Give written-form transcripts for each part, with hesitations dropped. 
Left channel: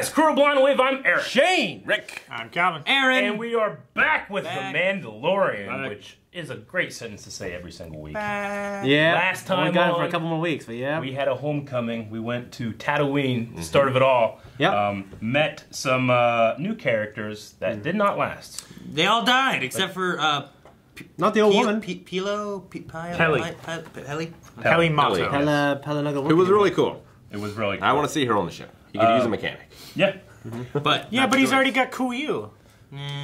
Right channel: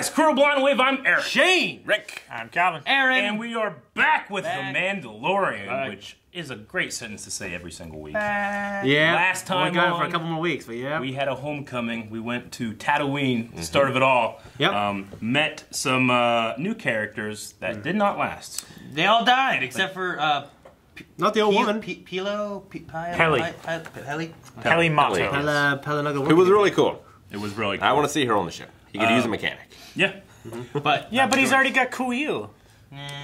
guys, Crew Blind Wave, I'm Eric. Shane. Rick. I'm Calvin. Aaron. And we are back with The Mandalorian, which is a great sentence to say every single week. Yeah. Last time we got it for a couple more weeks, but yeah. We had a homecoming. We went to Tatooine, the start of it all. Yep. Met some new characters that did not last. They all died, except for... not the old woman. Peli Motto. It was really cool. It was really cool. I want to see her on the show. He could use a mechanic. Yeah. But he's already got Kuiil,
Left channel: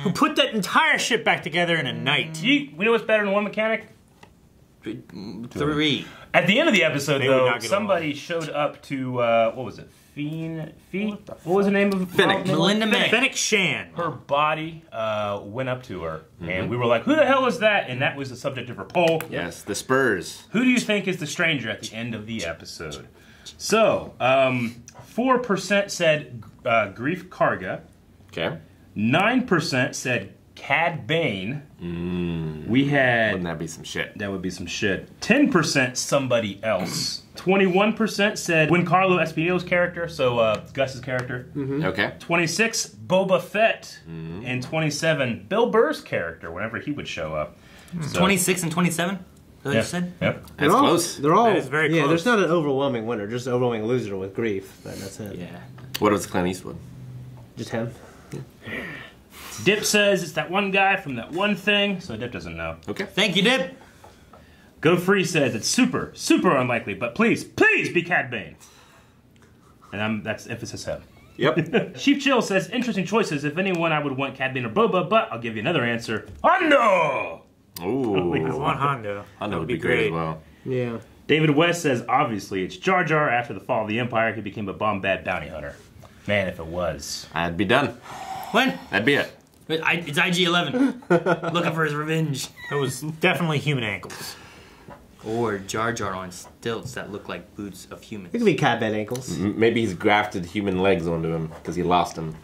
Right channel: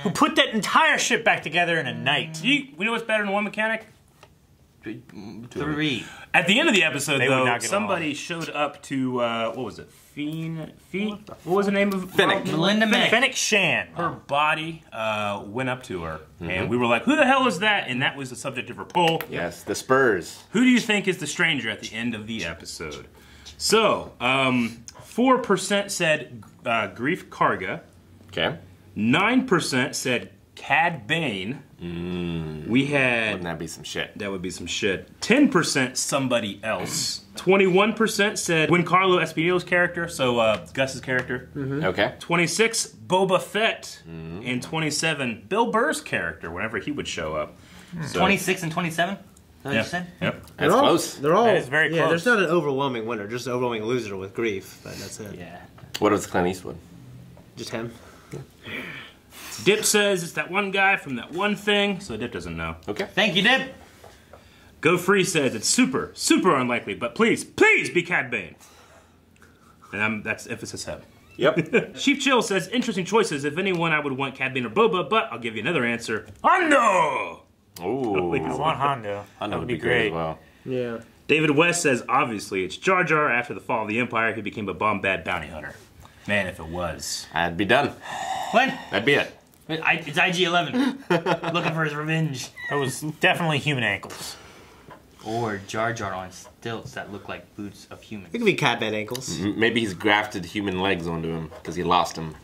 who put that entire ship back together in a night. We know what's better than one mechanic? 3. At the end of the episode, though, somebody showed up to, what was it? What was the name of Finnick. Melinda May. Finnick Shan. Her body went up to her, and we were like, who the hell is that? And that was the subject of her poll. Yes, the Spurs. Who do you think is the stranger at the end of the episode? So, 4% said Grief Karga. Okay. 9% said Cad Bane. We had... Wouldn't that be some shit? That would be some shit. 10% somebody else. 21% said Giancarlo Esposito's character, so Gus's character. Okay. 26, Boba Fett. And 27, Bill Burr's character, whenever he would show up. So, 26 and 27? What you said? Yep. That's close. They're all, that is very close. Yeah, there's not an overwhelming winner, just an overwhelming loser with Grief. That's it. Yeah. What was Clint Eastwood? Just him. Dip says it's that one guy from that one thing, so Dip doesn't know. Okay. Thank you, Dip. Go Free says it's super, super unlikely, but please, please be Cad Bane. And that's emphasis him. Yep. Chief Chill says interesting choices. If anyone, I would want Cad Bane or Boba, but I'll give you another answer. Hondo! Ooh. I want Hondo. Hondo would be great as well. Yeah. David West says, obviously, it's Jar Jar. After the fall of the Empire, he became a bomb-bad bounty hunter. Man, if it was. I'd be done. What? That'd be it. It's IG-11. Looking for his revenge. That was definitely human ankles. Or Jar Jar on stilts that look like boots of humans. It could be cat bed ankles. Maybe he's grafted human legs onto him because he lost them.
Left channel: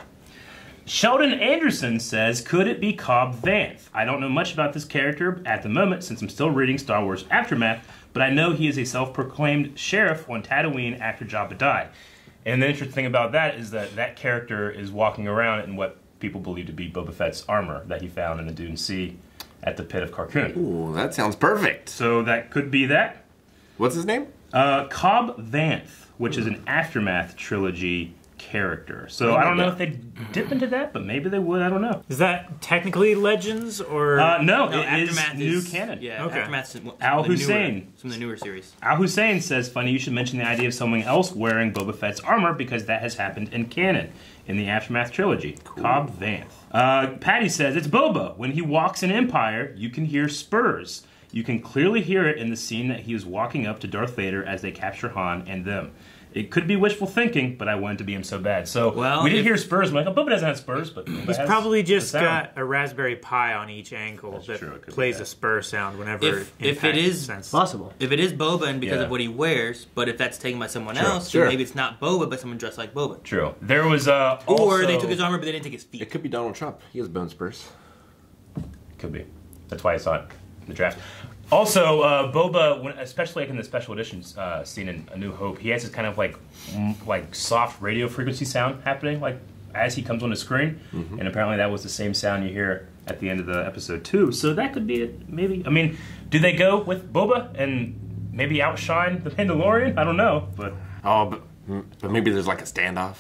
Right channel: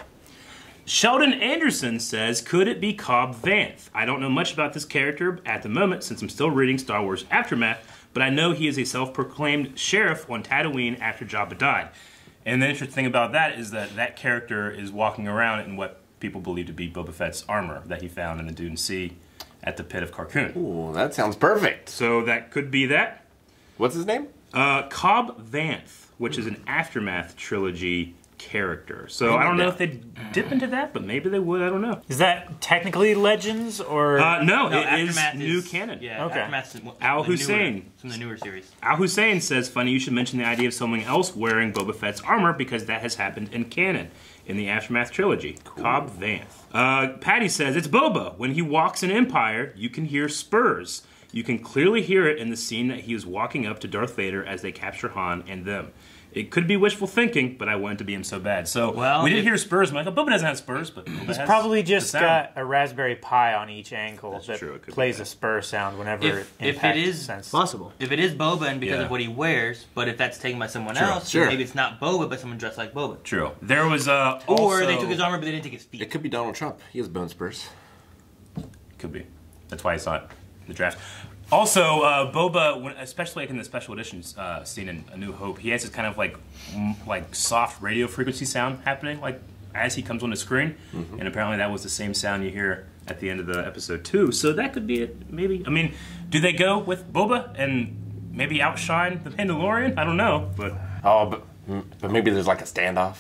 Sheldon Anderson says, could it be Cobb Vanth? I don't know much about this character at the moment since I'm still reading Star Wars Aftermath, but I know he is a self-proclaimed sheriff on Tatooine after Jabba died. And the interesting thing about that is that that character is walking around in what people believe to be Boba Fett's armor that he found in the Dune Sea at the pit of Carkoon. Ooh, that sounds perfect. So that could be that. What's his name? Cobb Vanth, which is an Aftermath trilogy character. So I don't know if they dip into that, but maybe they would. I don't know. Is that technically Legends or? No, it Aftermath is new canon. Yeah, okay. Aftermath is Al Hussein. From the newer series. Al Hussein says, funny you should mention the idea of someone else wearing Boba Fett's armor because that has happened in canon in the Aftermath trilogy. Cool. Cobb Vanth. Patty says, it's Boba. When he walks in Empire, you can hear spurs. You can clearly hear it in the scene that he was walking up to Darth Vader as they capture Han and them. It could be wishful thinking, but I wanted to be him so bad. So we did hear spurs. I'm like, oh, Boba doesn't have spurs, but Boba He's has probably just got a Raspberry Pi on each ankle that plays a spur sound whenever it impacts sense. Possible. If it is Boba and because of what he wears, but if that's taken by someone else, then maybe it's not Boba, but someone dressed like Boba. True. There was or they took his armor, but they didn't take his feet. It could be Donald Trump. He has bone spurs. Could be. That's why I saw it in the draft. Also, Boba, especially like in the special editions scene in A New Hope, he has this kind of like soft radio frequency sound happening like as he comes on the screen, and apparently that was the same sound you hear at the end of the episode too. So that could be it, maybe. I mean, do they go with Boba and maybe outshine the Mandalorian? I don't know, but but maybe there's like a standoff.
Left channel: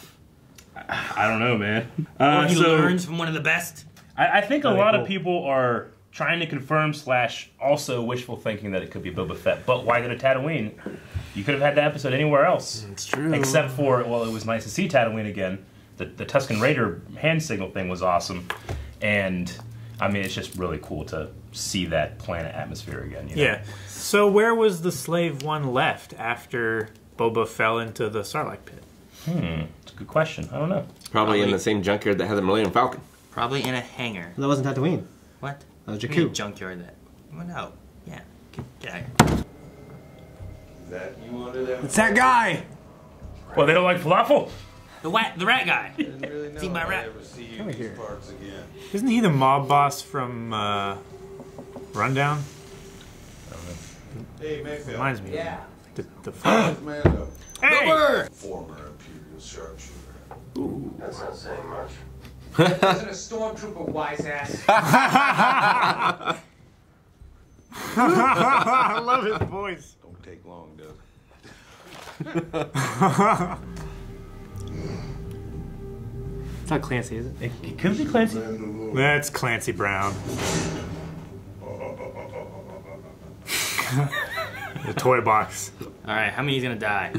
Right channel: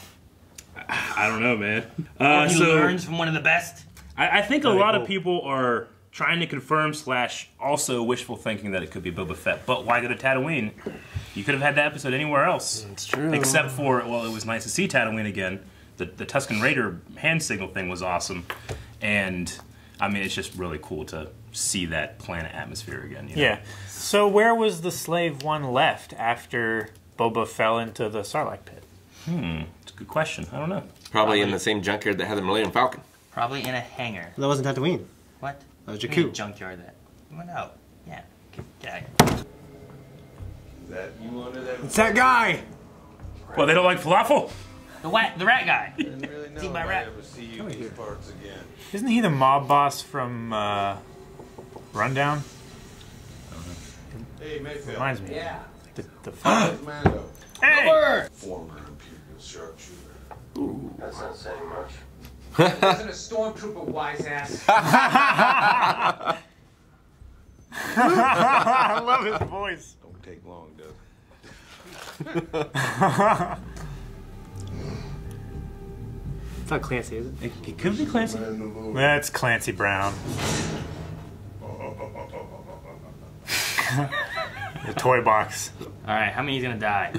I don't know, man. Or he learns from one of the best. I think a lot of people are trying to confirm / also wishful thinking that it could be Boba Fett. But why go to Tatooine? You could have had that episode anywhere else. It's true. Except for, well, it was nice to see Tatooine again. The Tusken Raider hand signal thing was awesome. And, I mean, it's just really cool to see that planet atmosphere again. You know? Yeah. So where was the Slave One left after Boba fell into the Sarlacc pit? It's a good question. I don't know. Probably in the same junkyard that had the Millennium Falcon. Probably in a hangar. That wasn't Tatooine. What? That was Jakku. Junkyard that. Well, no. Yeah. Is that you under there? It's that guy! Well, they don't like falafel? the rat guy. I didn't really know if I'd ever see you in these parts again. Isn't he the mob boss from Rundown? Hey, Mayfield. Reminds me. Yeah. The Mando. Hey! Robert! Former Imperial sharpshooter. Ooh. That's not saying much. Wasn't a stormtrooper, wise ass. I love his voice. Don't take long, does It's not Clancy, is it? It could be Clancy. That's Clancy Brown. The toy box. Alright, how many is gonna die?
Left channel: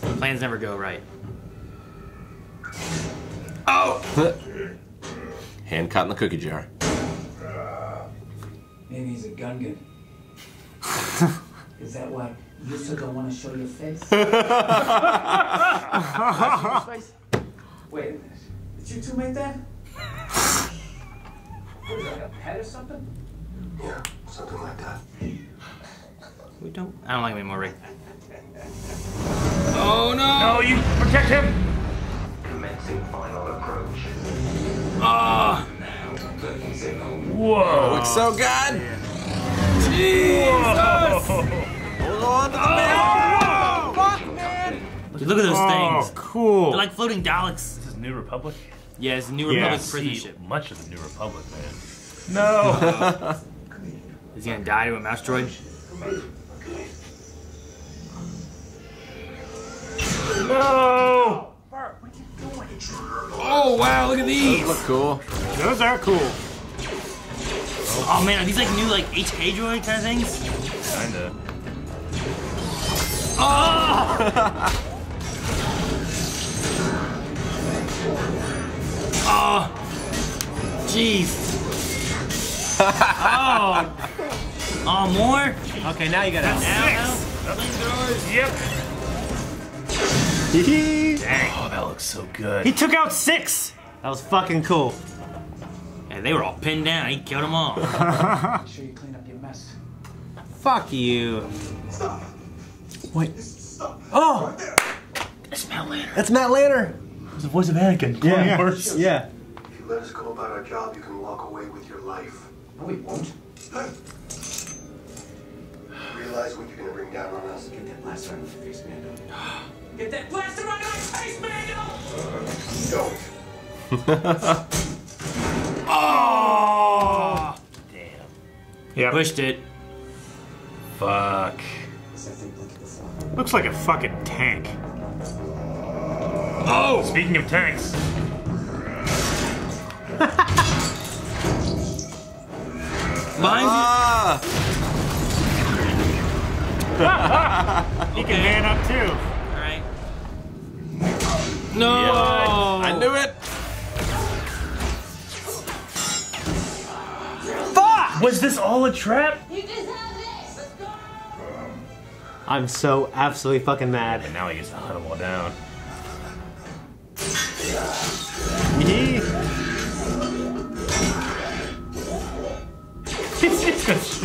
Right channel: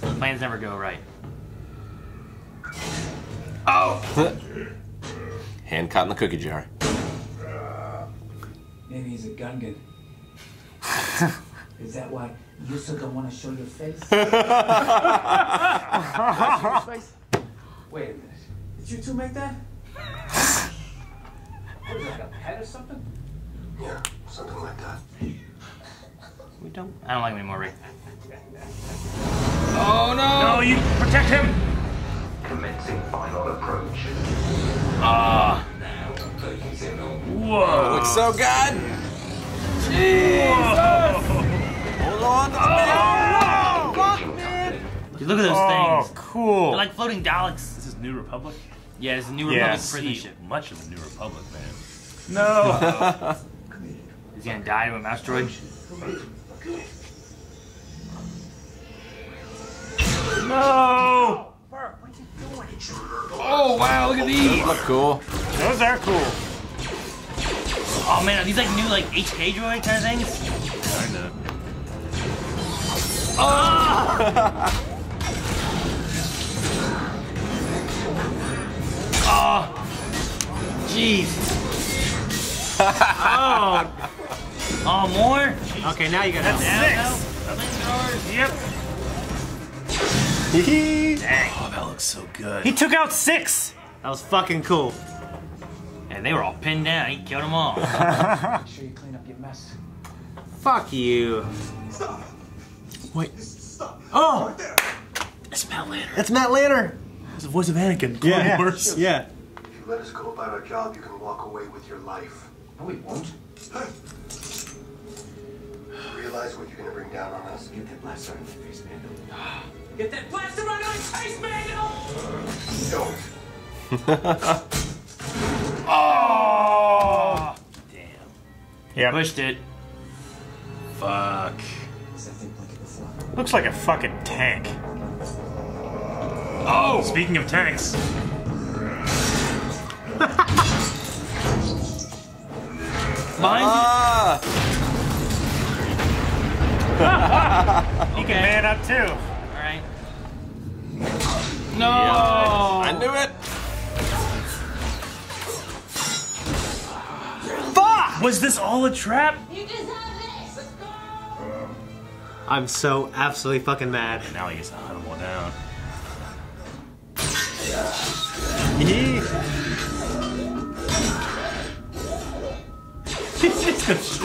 Plans never go right. Oh! Hand caught in the cookie jar. Maybe he's a gungan. Is that why you still don't want to show your face? Wait a minute. Did you two make that? What is that, like a pet or something? Yeah, something like that. We don't. I don't like him anymore, Rick. Oh no! No, you protect him! Commencing final approach. Oh! Whoa! It looks so good! Jesus! Hold on to the Dude, look at those things. Oh, cool. They're like floating Daleks. Is this New Republic? Yeah, it's New Republic prison ship. Much of the New Republic, man. No! Is he gonna die to an asteroid? No! Bert, what are you doing? Oh wow, look at these! Those look cool. Those are cool. Oh man, are these like new like HK droid kind of things? Kinda. Oh! Oh! Jeez! Oh! Oh, more? Okay, now you got that. Yep. Oh, that looks so good. He took out 6! That was fucking cool. Yeah, they were all pinned down. He killed them all. Make sure you clean up your mess. Fuck you. Stop. Wait. Stop. Oh! Right there. It's Matt Lanner. That's Matt Lanner. It's the voice of Anakin. Yeah. Wars. Yeah. If you let us go about our job, you can walk away with your life. No, we won't. Realize what you're gonna bring down on us? Get that blaster on his face, Mando. Get that blaster on his face, Mando! Don't. Oh! Damn. Yeah. Pushed it. Fuck. What's that thing blinking before? Looks like a fucking tank. Oh! Speaking of tanks. Mine? He can man up too. Alright. No! I knew it! Fuck! Was this all a trap? You just have this! Let's go! I'm so absolutely fucking mad. And now he gets to hunt them all down.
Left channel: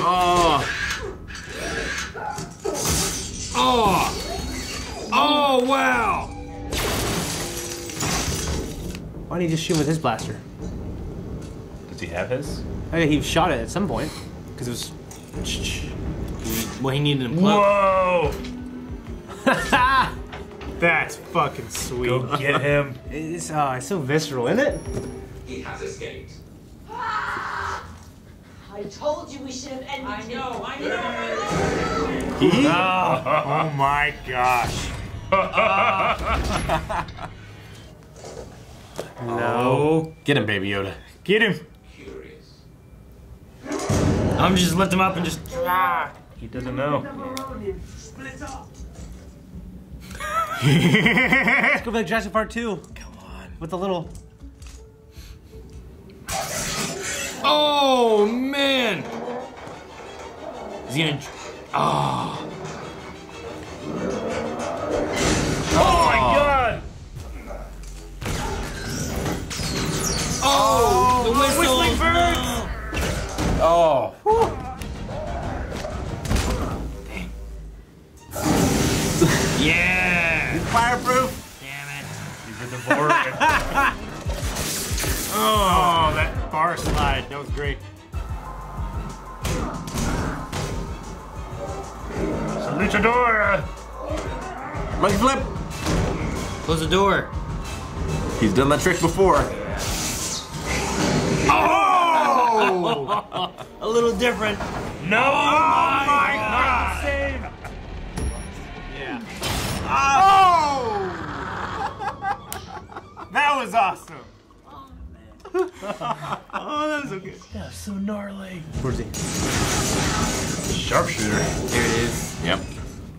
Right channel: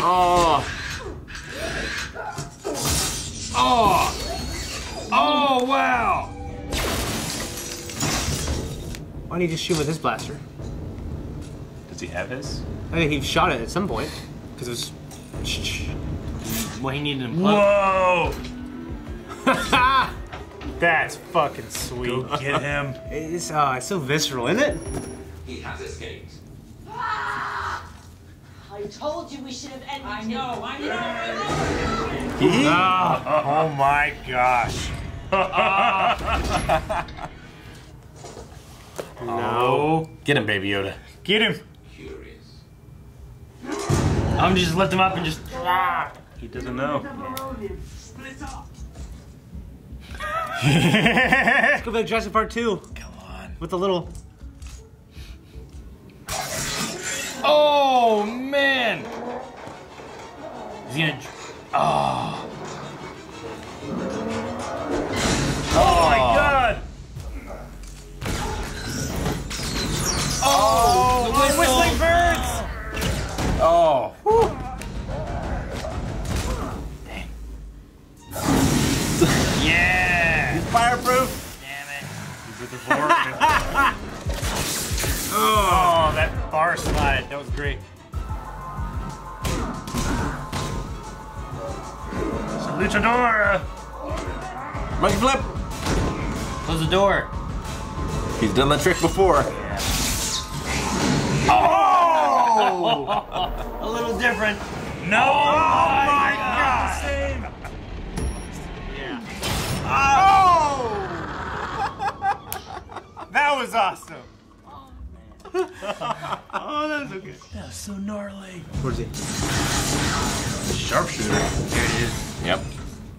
Oh! Oh! Oh, wow! Why did he just shoot with his blaster? Does he have his? I think he shot it at some point. Because it was... Well, he needed him Whoa! That's fucking sweet. Go get him. It's so visceral, isn't it? He has escaped. I told you we should have ended I know. Oh my gosh. No. Get him, Baby Yoda. Get him. Curious. I'm just lift him up and just. He doesn't know. Split up. Let's go to Jurassic Park 2. Come on. With the little... Oh, man! Is he gonna. Oh. Oh my god! Oh! The whistling birds! Oh. Yeah! Fireproof! Damn it. Oh, that bar slide. That was great. Luchadora! Monkey flip! Close the door. He's done that trick before. Oh! A little different. No! Oh my God! Oh! That was awesome. Oh, that was so good. That was so gnarly. Where's he? Sharpshooter. There it is. Yep.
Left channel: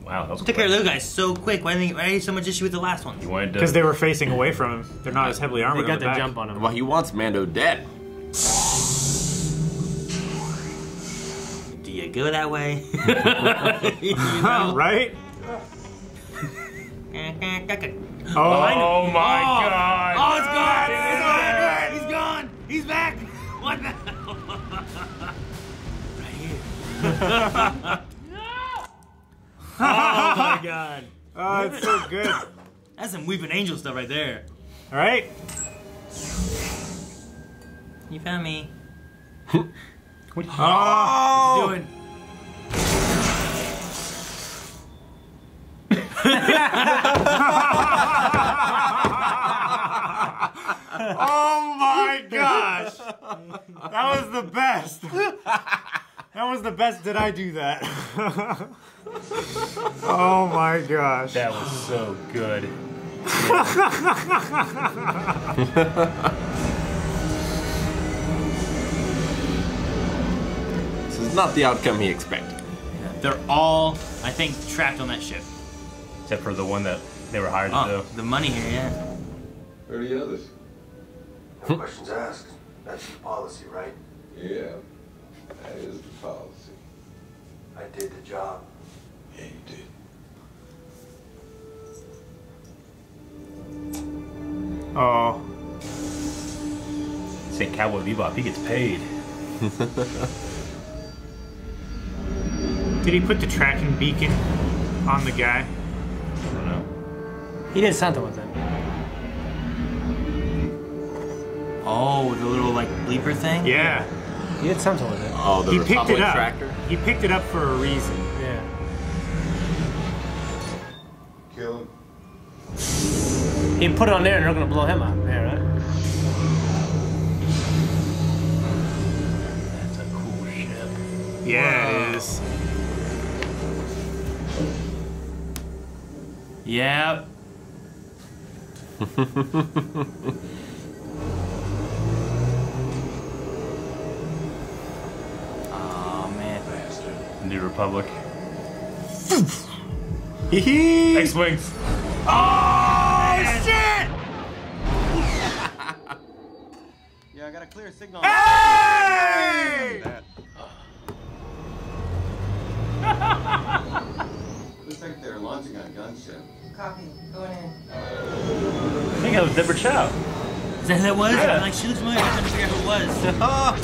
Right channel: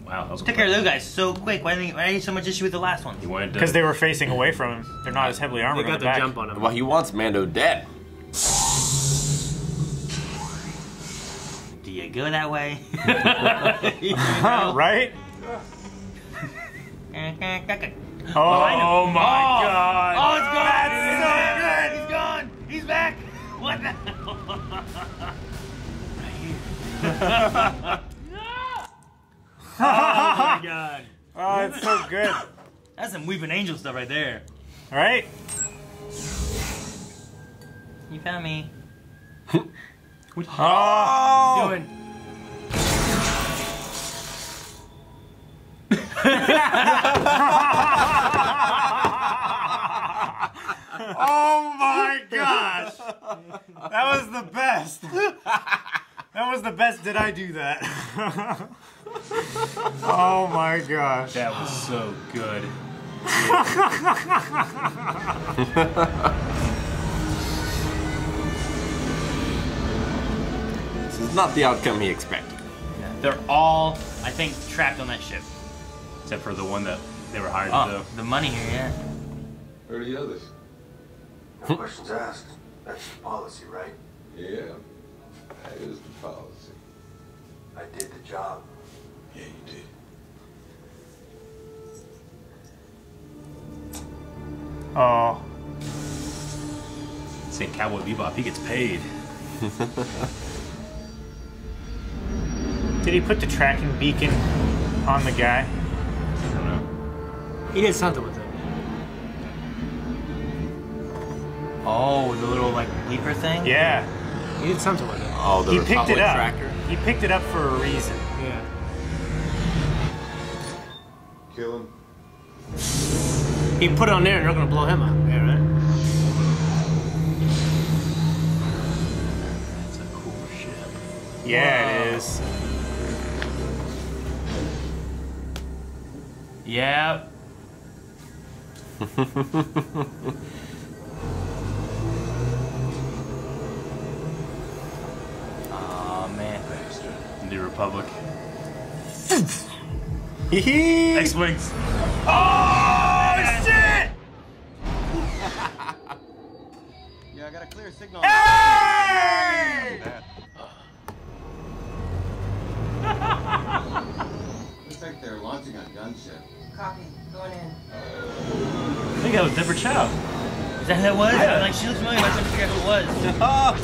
Wow, that was Took care of those guys so quick. Why did I have so much issue with the last one? Because they were facing away from him. They're not as heavily armored. They got the jump on him. Well, he wants Mando dead. Do you go that way? Right? Oh my God! Oh, it's gone! That's so good! He's gone! He's back! What the hell? Oh my God! Oh, it's so good. That's some weeping angel stuff right there. All right. You found me. Oh! What are you doing? Oh my gosh! That was the best. That was the best. Did I do that? Oh my gosh! That was so good. This is not the outcome he expected. They're all, I think, trapped on that ship. Except for the one that they were hired to do. The money here, yeah. Where are the others? No questions asked. That's the policy, right? Yeah, that is the policy. I did the job. Yeah, you did. Oh. St. Cowboy Bebop, he gets paid. Did he put the tracking beacon on the guy? I don't know. He did something with it. Oh, the little like bleeper thing? Yeah. He did something with it. Oh, the He picked Republic it up. tracker? He picked it up for a reason. Yeah. Kill him. He put it on there and they're gonna blow him up. Yeah, right? That's a cool ship. Yeah, it is. Yeah. Oh man. New Republic. Hee-hee. X-Wings. Oh, shit! Yeah, I got a clear signal. Hey! That. Looks like they're launching a gunship. Copy. Going in. I think that was Deborah Chow. Is that who that was? Yeah. I'm like, she looks familiar. I couldn't figure out who it was.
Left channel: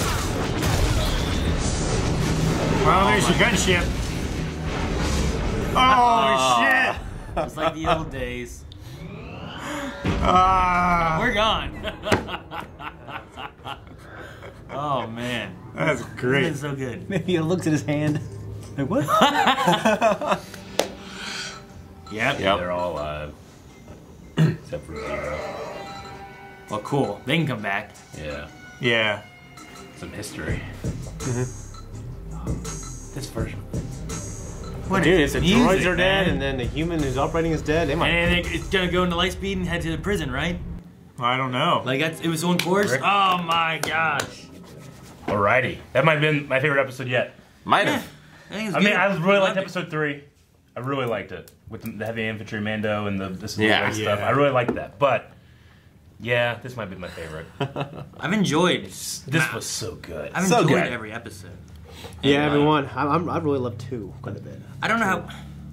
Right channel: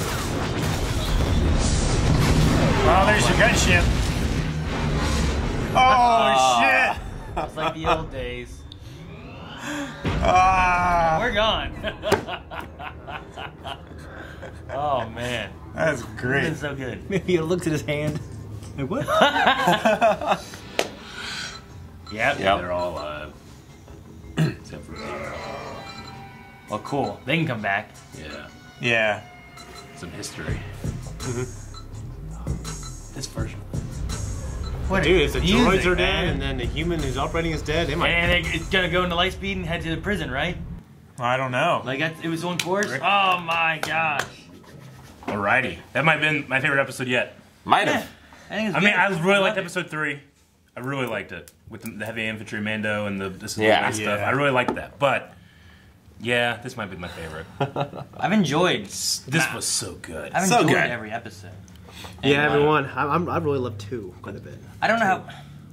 Well, there's your gunship. Oh, shit! It's like the old days. Ah, We're gone. Oh man, that's it's great. been so good. Maybe he looks at his hand. Like, what? Yep. They're all, except for Well, cool. They can come back. yeah, Yeah. some history. This version. What Dude, if the music, droids are dead man. and then the human who's operating is dead, they might. And it's gonna go into Lightspeed and head to the prison, right? I don't know. Like it was on course. Oh my gosh. Alrighty, that might have been my favorite episode yet. Might have. I think it's I mean, good. I really liked episode 3. I really liked it with the heavy infantry Mando and the stuff. Yeah. I really liked that, but yeah, this might be my favorite. I've enjoyed. This was so good. I've So enjoyed good. every episode. Yeah, everyone. I really love 2 quite a bit. I don't know how.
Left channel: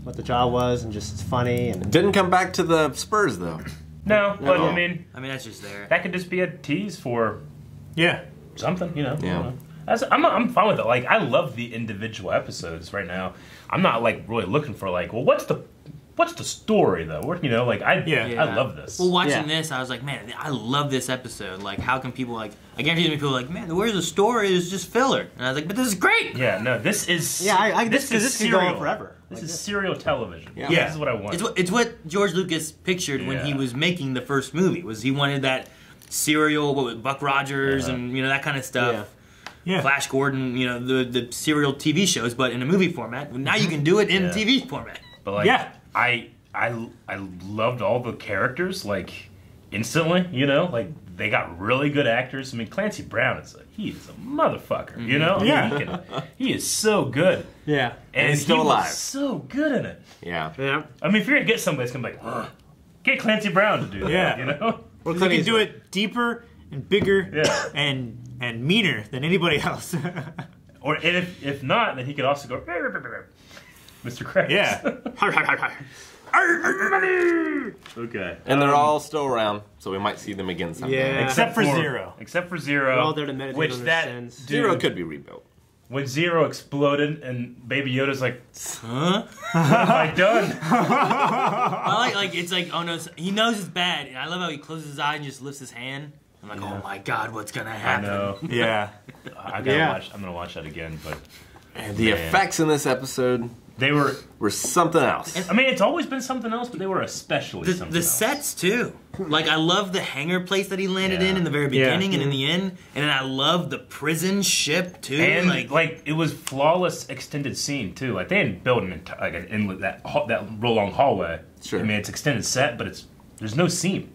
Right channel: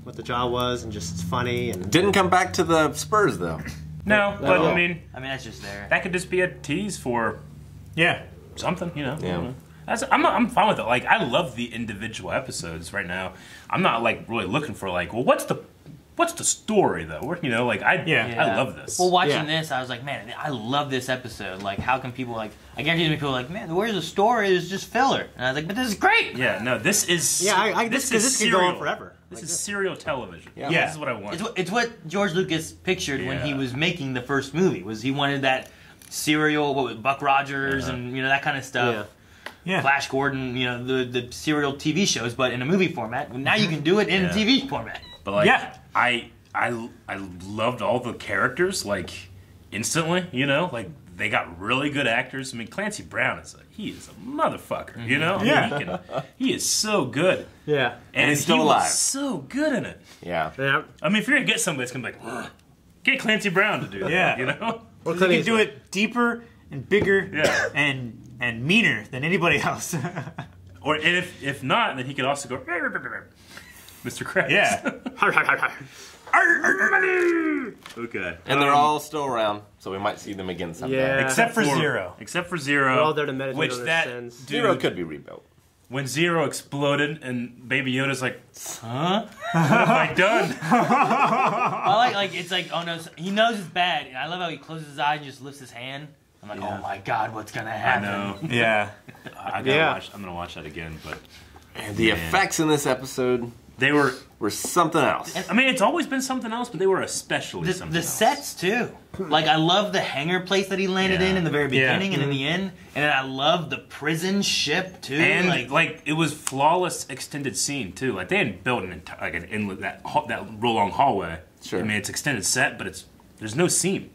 What the job was and just it's funny and Didn't come back to the Spurs though. No, but I mean, that's just there. that could just be a tease for Yeah. something, you know. Yeah. I don't know. I'm fine with it. Like, I love the individual episodes right now. I'm not like really looking for like, well, what's the what's the story though? You know, like I love this. Well, watching this, I was like, man, I love this episode. Like, how can people like? I guarantee people are like, man, where's the story? It's just filler. And I was like, but this is great. Yeah, no, this is. Yeah, I this could go on forever. This is serial television. Yeah. This is what I want. It's what George Lucas pictured when he was making the first movie. Was he wanted that serial, what was Buck Rogers and that kind of stuff. Yeah. Flash Gordon, the serial TV shows, but in a movie format. Now you can do it in a TV format. But like, I loved all the characters like instantly. You know, like they got really good actors. I mean, Clancy Brown he is a motherfucker. You know, he is so good. Yeah, and he's still alive. Was so good in it. Yeah. I mean, if you're gonna get somebody, it's gonna be like, get Clancy Brown to do that. You know, he can do it deeper and bigger and meaner than anybody else. Or if not, then he could also go, Mr. Krabs. Yeah. Okay. And they're all still around, so we might see them again someday. Yeah. Except for Zero. We're all there to meditate on their sins. Zero could be rebuilt. When Zero exploded and Baby Yoda's like, huh? What have I done? I like it's like, oh no, he knows it's bad. And I love how he closes his eye and just lifts his hand. I'm like, oh my god, what's gonna happen? I know. Yeah. I gotta watch. I'm gonna watch that again, but the effects in this episode were something else. I mean, it's always been something else, but they were especially something else. The sets too. Like I love the hangar place that he landed in the very beginning and in the end, and then I love the prison ship too. And like it was flawless extended scene too. Like they didn't build an inlet that real long hallway. Sure. I mean, it's extended set, but there's no seam.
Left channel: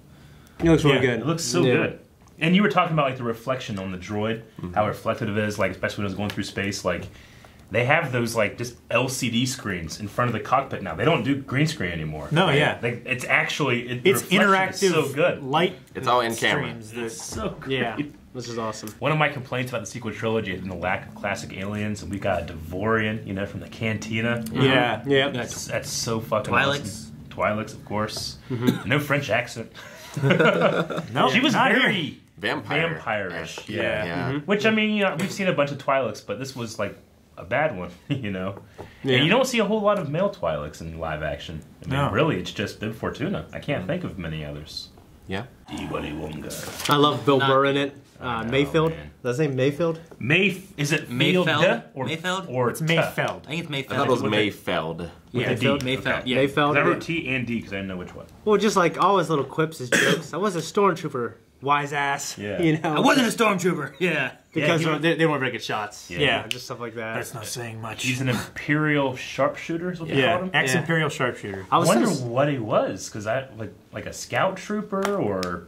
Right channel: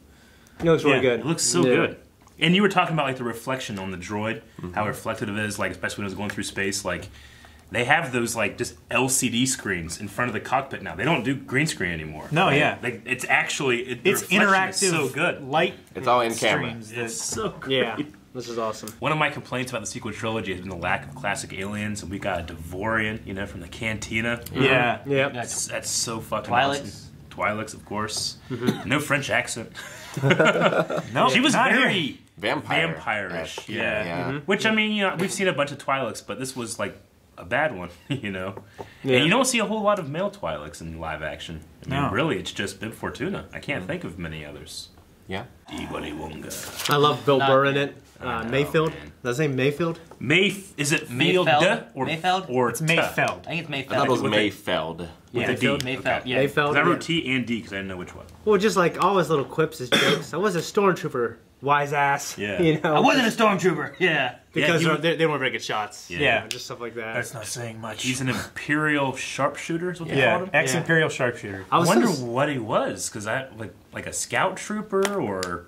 It looks really good. It looks so good. And you were talking about like the reflection on the droid, how reflective it is, like especially when it was going through space. Like they have those like just LCD screens in front of the cockpit now. They don't do green screen anymore. No, like it's actually it's interactive. So good. Light. It's all in camera. It's so great. Yeah, this is awesome. One of my complaints about the sequel trilogy has been the lack of classic aliens. And we got a Devorian, from the Cantina. Yeah, That's so fucking Twi'leks. awesome. Twi'leks, of course. No French accent. No, she was very vampire-ish. Yeah. Which I mean, we've seen a bunch of Twi'leks, but this was like a bad one, Yeah. And you don't see a whole lot of male Twi'leks in live action. I mean, really, it's just Bib Fortuna. I can't think of many others. Yeah. I love Bill Burr in it. Mayfield. Man. Does it say Mayfield? Is it Mayfeld? or Mayfeld? Or it's Mayfeld. I think it's Mayfeld. I thought it was Mayfeld. Yeah, Mayfield? Mayfeld. Okay. Yeah. Mayfeld. I wrote Yeah. T and D because I didn't know which one. Well, just like all his little quips, his jokes. I was a stormtrooper, wise ass. Yeah. I wasn't a stormtrooper. Yeah. Because Yeah, they weren't very good shots. Yeah. Just stuff like that. That's not saying much. He's an Imperial sharpshooter, is what they called him. Ex-Imperial sharpshooter. I wonder what he was, because like a scout trooper or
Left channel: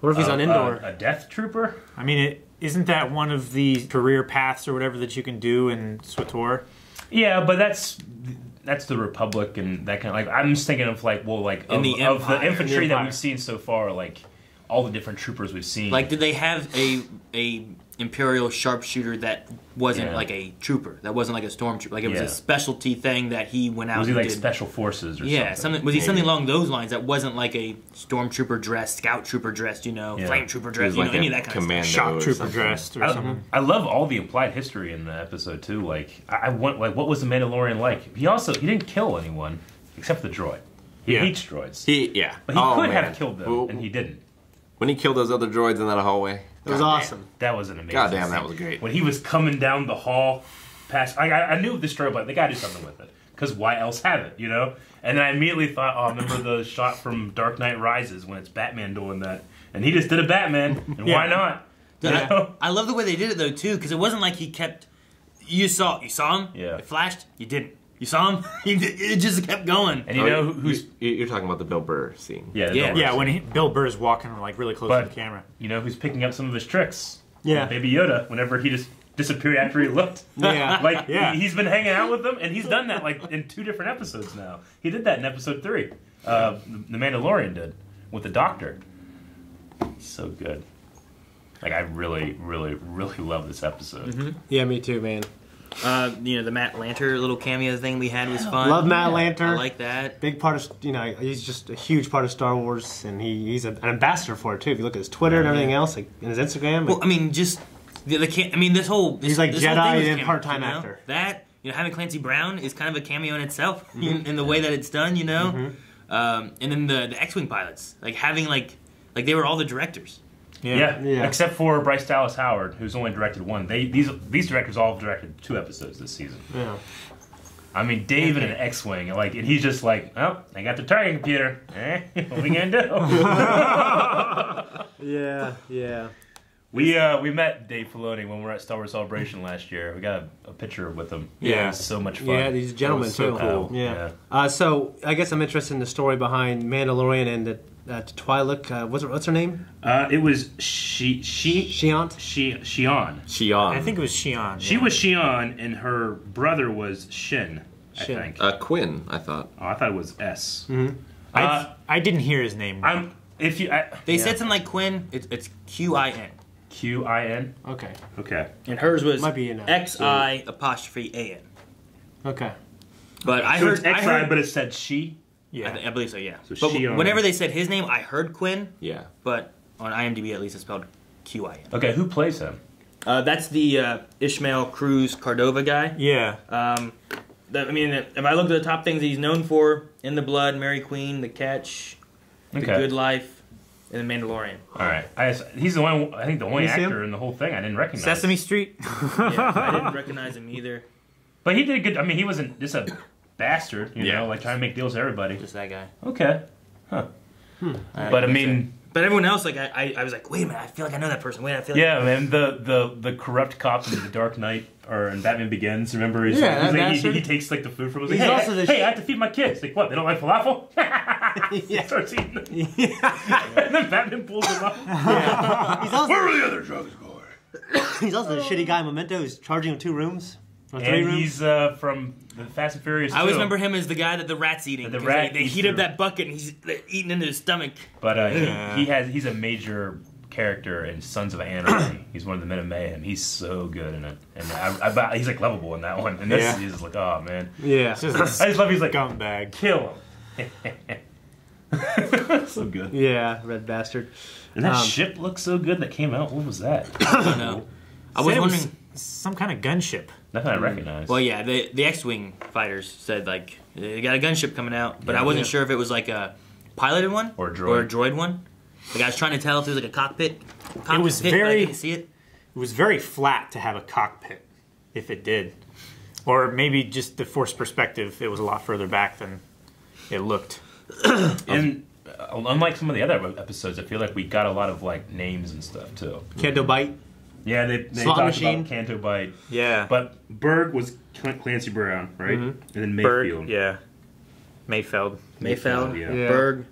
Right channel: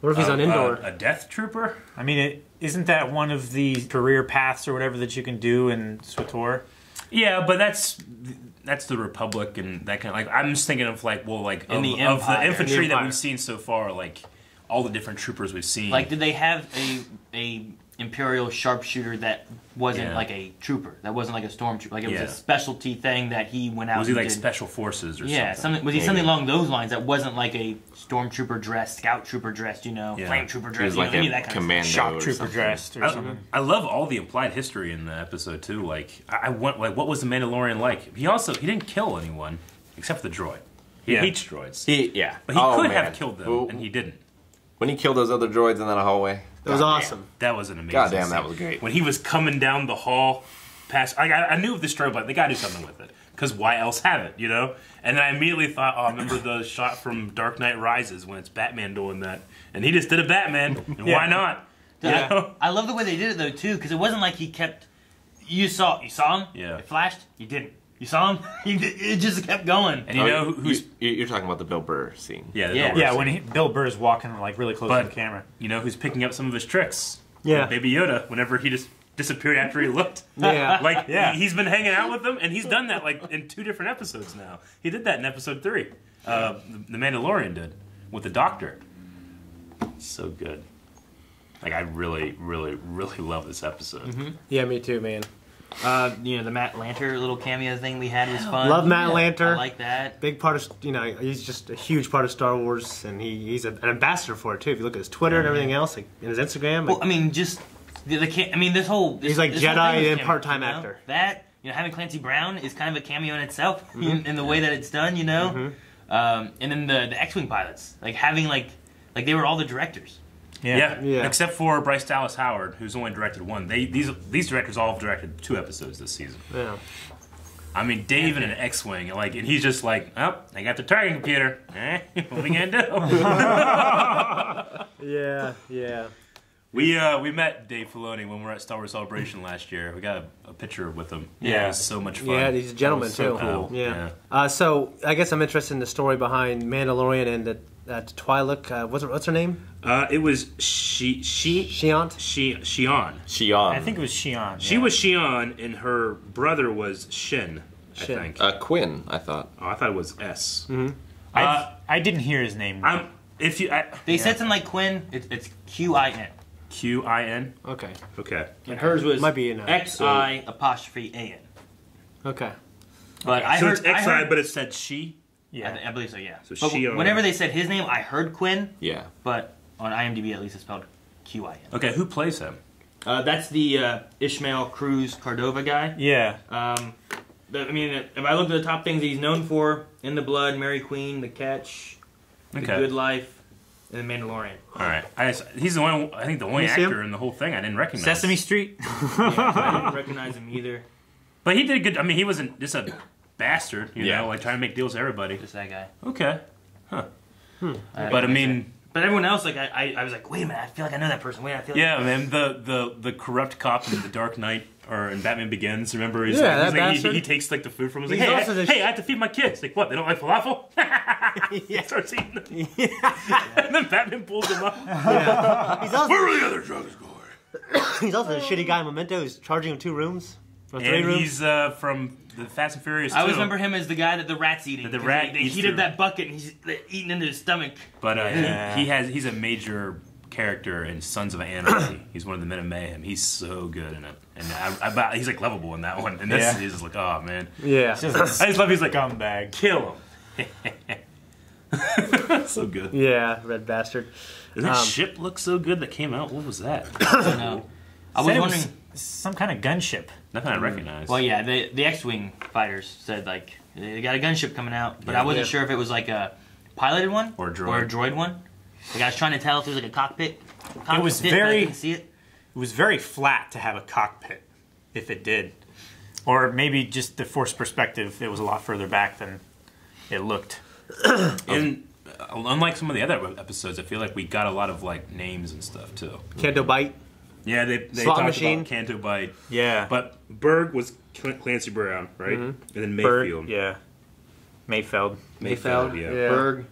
What if he's on Endor? A death trooper? I mean, isn't that one of the career paths or whatever that you can do in SWTOR? Yeah, but that's the Republic and that kind of like. I'm just thinking of like of the infantry that we've seen so far, like all the different troopers we've seen. Like, did they have a Imperial sharpshooter that wasn't like a trooper? That wasn't like a stormtrooper. Like it was a specialty thing that he went out. Was he and like did. special forces or something? Was he something along those lines that wasn't like a stormtrooper dressed, scout trooper dressed, flame trooper dressed, like any of that kind of stuff. Shock trooper dressed or something. I love all the implied history in the episode too. Like I want what was the Mandalorian like? He didn't kill anyone except for the droid. He hates droids. But he could have killed them, and he didn't. When he killed those other droids in that hallway. It was awesome. That was an amazing Goddamn, scene. that was great. When he was coming down the hall, I knew the strobe light. They gotta do something with it. Because why else have it, And then I immediately thought, I remember the shot from Dark Knight Rises when it's Batman doing that. And he just did a Batman, and why not? I love the way they did it, though, too, because it wasn't like he kept... You saw him? Yeah. It flashed? You didn't. You saw him? It just kept going. And who's... You're talking about the Bill Burr scene. Yeah, when Bill Burr is walking like really close to the camera. You know who's picking up some of his tricks? Yeah. Baby Yoda, whenever he just disappeared after he looked. Yeah. He's been hanging out with them, and he's done that like in 2 different episodes now. He did that in episode 3. The Mandalorian did, with the Doctor. So good. Like, I really, really, really love this episode. Mm-hmm. Yeah, me too, man. The Matt Lanter little cameo thing we had was fun. Love Matt Lanter. I like that. Big part of, he's just a huge part of Star Wars, and he's an ambassador for it, too. If you look at his Twitter and everything else, like, and his Instagram. Well, I mean, just, this whole... He's like this whole Jedi thing and came- part-time actor. That, having Clancy Brown is kind of a cameo in itself in the way that it's done. And then the X-wing pilots, like having like they were all the directors. Yeah. Except for Bryce Dallas Howard, who's only directed one. These directors all have directed 2 episodes this season. Yeah. I mean, David and X-wing, and he's just like, oh, I got the targeting computer. What are we gonna do? Yeah. We met Dave Filoni when we were at Star Wars Celebration last year. We got a picture with him. Yeah. It was so much fun. Yeah, he's a gentleman so too. cool. Yeah. So I guess I'm interested in the story behind Mandalorian and the Twi'lek. What's her name? It was Shion. I think it was Shion. She was Shion, and her brother was Shin. I think. Quinn, I thought. Oh, I thought it was S. Mm-hmm. I didn't hear his name. They said something like Quinn. It's Q-I-N. Q-I-N? Okay. And hers was might be X-I''A-N. Okay. But I heard it's X-I, but it said she? Yeah. I believe so, yeah. So but Shion. whenever they said his name, I heard Quinn. Yeah. But on IMDb, at least, it's spelled Q-I-N. Okay, who plays him? That's the Ishmael Cruz Cordova guy. Yeah. I mean, if I look at the top things he's known for, In the Blood, Mary Queen, The Catch, The Good Life, and The Mandalorian. All right. He's the one, I think the only actor in the whole thing I didn't recognize. Sesame Street? I didn't recognize him either. But he did good. I mean, he wasn't just a bastard, you know, like trying to make deals with everybody. Just that guy. Okay. Huh. But I mean... But everyone else, like, I was like, wait a minute, I feel like I know that person. Man, the corrupt cop in The Dark Knight, or in Batman Begins, remember? He takes, like, the food from him. He's like, hey, I have to feed my kids. Like, what, they don't like falafel? He starts eating them. And then Batman pulls him up. Where are the other drugs going? He's also the shitty guy in Memento who's charging him 2 rooms. Or 3 and rooms. He's from the Fast and Furious 2. I always remember him as the guy that the rat's eating. The rat they heat up that bucket and he's eating into his stomach. But he's a major character in Sons of Anarchy. He's one of the Men of Mayhem. He's so good in it, and he's like lovable in that one. And this he's just like, oh man, yeah. I just love. He's like, scumbag, kill him. So good. Yeah, red bastard. And that ship looks so good that came out. What was that? I don't know. I was wondering. Some kind of gunship. Nothing I recognize. Well, yeah, the X-wing fighters said like they got a gunship coming out, but I wasn't sure if it was like a piloted one or a droid one. Like I was trying to tell if it was like a cockpit. It was very. I didn't see it. It was very flat to have a cockpit, if it did, or maybe just the forced perspective. It was a lot further back than it looked. And unlike some of the other episodes, I feel like we got a lot of like names and stuff too. Canto Bite. Yeah, they talked about Canto Bite. Yeah. But Berg was Clancy Brown, right? And then Mayfield. Berg, yeah. Mayfeld, yeah. Berg.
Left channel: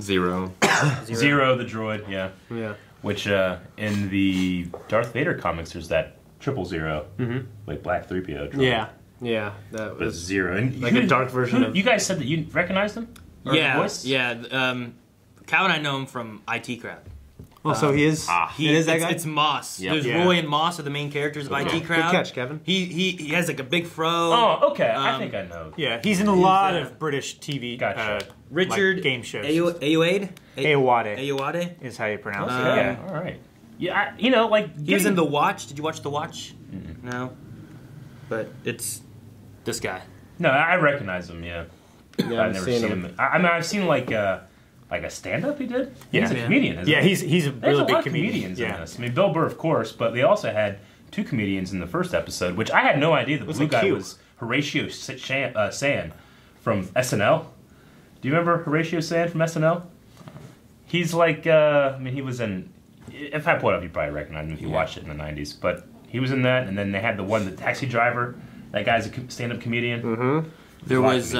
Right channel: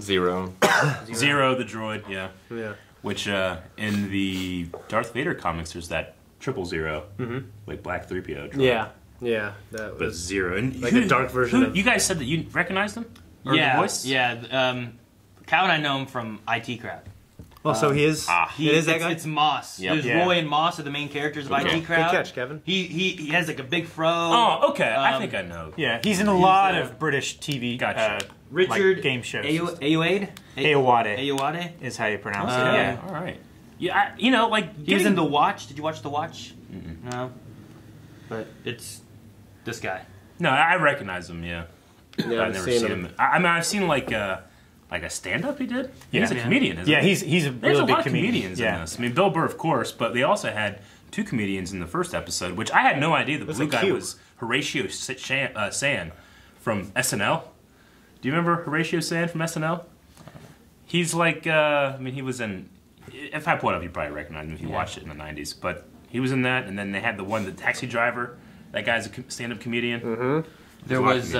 Zero, the droid, yeah. Which in the Darth Vader comics, there's that 000, like Black 3PO droid. Yeah. That was Zero. And like a dark version of... You guys said that you recognized him? Or the voice? Yeah. Kyle and I know him from IT Crowd. Well, so he is. It is that guy. It's Moss. Yep. There's Roy and Moss are the main characters of IT Crowd. Good catch, Kevin. He has like a big fro. Oh, okay. I think I know. Yeah, he's in a lot of British TV. Gotcha. Richard like game shows. Ayoade is how you pronounce it. Yeah. All right. Yeah, he was in The Watch. Did you watch The Watch? No. But it's this guy. No, I recognize him. Yeah. Yeah, I've never seen him. I mean, I've seen like a stand-up he did. He's a comedian, isn't he? He's a There's really a lot big of comedian. comedians in this. I mean, Bill Burr, of course, but they also had 2 comedians in the first episode, which I had no idea. The blue guy was Horatio Sanz from SNL. Do you remember Horatio Sanz from SNL? He's like, he was in... If I pull it up, you probably recognize him if you watched it in the 90s. But he was in that, and then they had the taxi driver. That guy's a stand-up comedian. There was...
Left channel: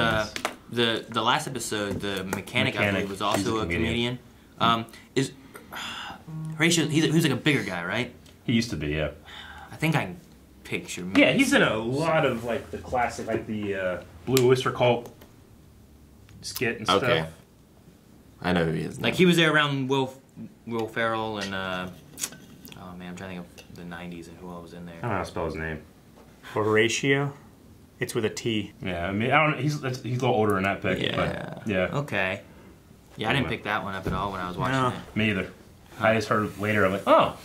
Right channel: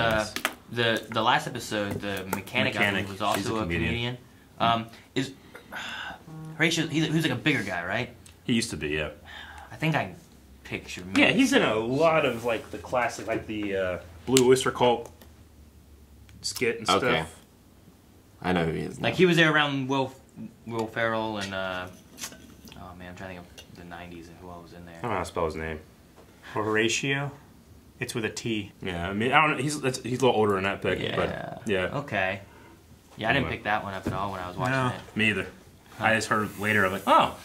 The last episode, the mechanic I believe, was also a comedian. Is Horatio? He's like a bigger guy, right? He used to be, yeah. I think I picture. Yeah, he's in a lot of like the classic, like the Blue Oyster Cult skit and stuff. Okay. I know who he is now. Like he was there around Will Ferrell and oh man, I'm trying to think of the '90s and who else was in there. I don't know how to spell his name. Horatio. It's with a T. Yeah, I mean, I don't. He's a little older in that pick. Yeah. But, yeah. Okay. Yeah, I didn't pick that one up at all when I was watching it. Me either. I just heard it later. I'm like, oh,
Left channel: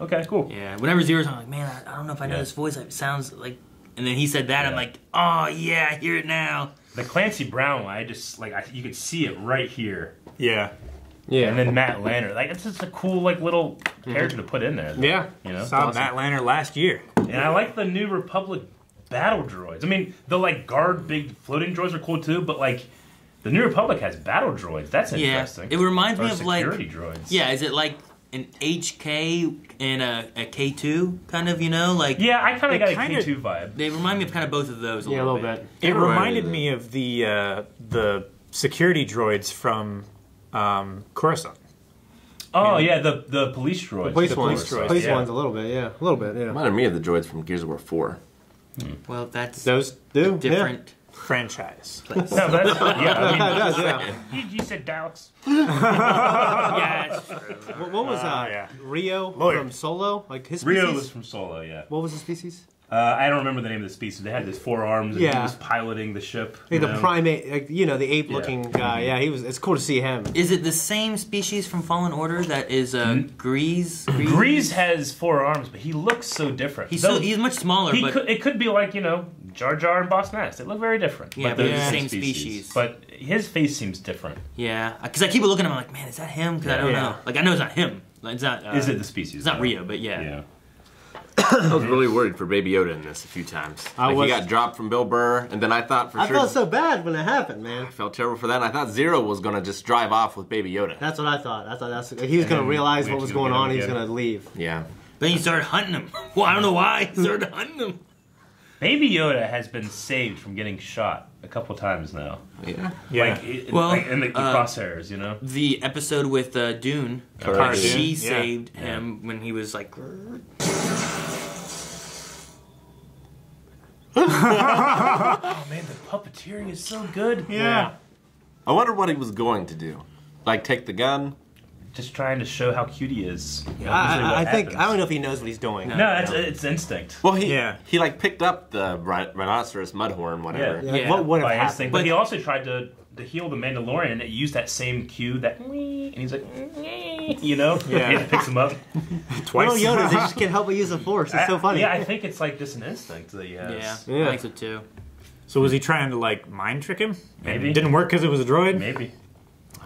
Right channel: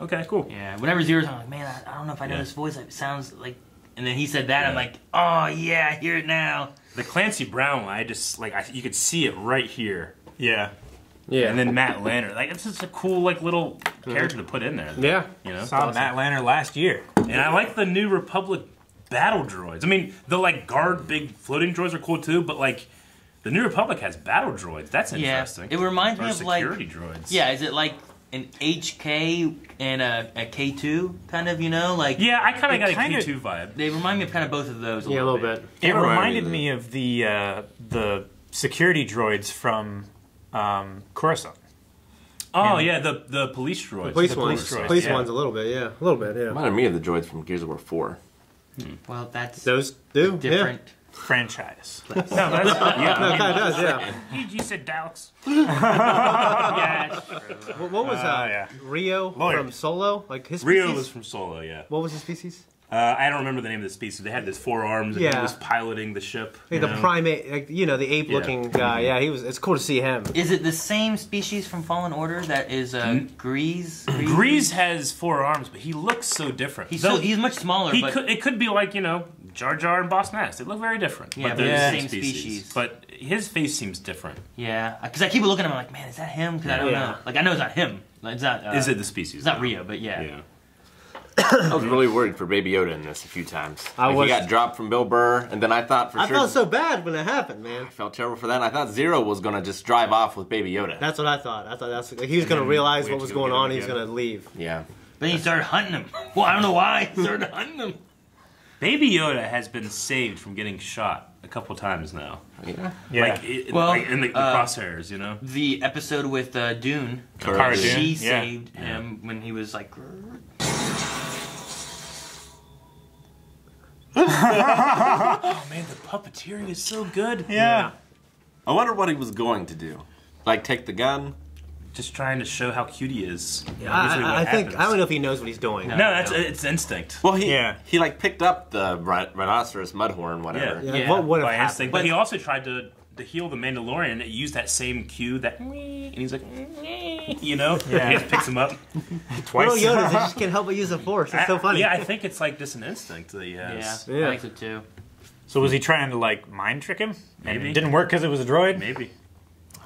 okay, cool. Yeah. Whenever Zero's on, I'm like, man, I don't know if I know this voice. It sounds like And then he said that, I'm like, oh yeah, I hear it now. The Clancy Brown one, you could see it right here. Yeah. Yeah. And then Matt Lanner, it's just a cool little character to put in there. Yeah. You know. Saw Matt Lanner last year. And I like the New Republic battle droids. I mean, the guard big floating droids are cool too, but the New Republic has battle droids. That's interesting. It reminds me of security droids. Yeah, is it like an HK and a K2 kind of, Yeah, I kind of got a K2 vibe. They remind me of kind of both of those. Yeah, a little bit. It reminded me of the security droids from Coruscant. Oh yeah, the police droids. The police ones a little bit, yeah. A little bit, yeah. Reminded me of the droids from Gears of War 4. Well, that's those do different franchise. No, that's it kind of does, yeah. You said Daleks. Yeah, that's true. What was Rio from Solo? His species? Rio was from Solo, yeah. What was his species? I don't remember the name of the species. They had this 4 arms and he was piloting the ship. The primate, the ape-looking guy. Yeah, it's cool to see him. Is it the same species from Fallen Order that is Grease? Grease has 4 arms, but he looks so different. He's much smaller. It could be Jar Jar and Boss Nass. They look very different. Yeah, but they're the same species. But his face seems different. Yeah, because I keep looking at him like, man, is that him? Because I don't know. I know it's not him. It's not. Is it the species? It's not Rio, but yeah. I was really worried for Baby Yoda in this a few times. He got dropped from Bill Burr, and then I thought I felt so bad when it happened, man. I felt terrible for that. And I thought Zero was going to just drive off with Baby Yoda. That's what I thought. I thought he was going to realize what was going on. He was going to leave. Yeah. Then he started hunting him. Well, I don't know why he started hunting him. Baby Yoda has been saved from getting shot a couple times now. Yeah. Yeah. In the crosshairs, The episode with Dune, she saved him when he was like... Oh man, the puppeteering is so good. Yeah. I wonder what he was going to do. Take the gun? Just trying to show how cute he is. I don't know if he knows what he's doing. No, it's instinct. Well, he picked up the rhinoceros mudhorn, whatever. Yeah. What by instinct. But he also tried to heal the Mandalorian, and it used that same cue, and he's like, Yeah. It picks him up. Twice. Little Yoda, they just can't help but use the Force. It's so funny. Yeah, I think it's just an instinct that he has. Yeah, I think so too. So was he trying to mind trick him? Maybe. And it didn't work because it was a droid? Maybe.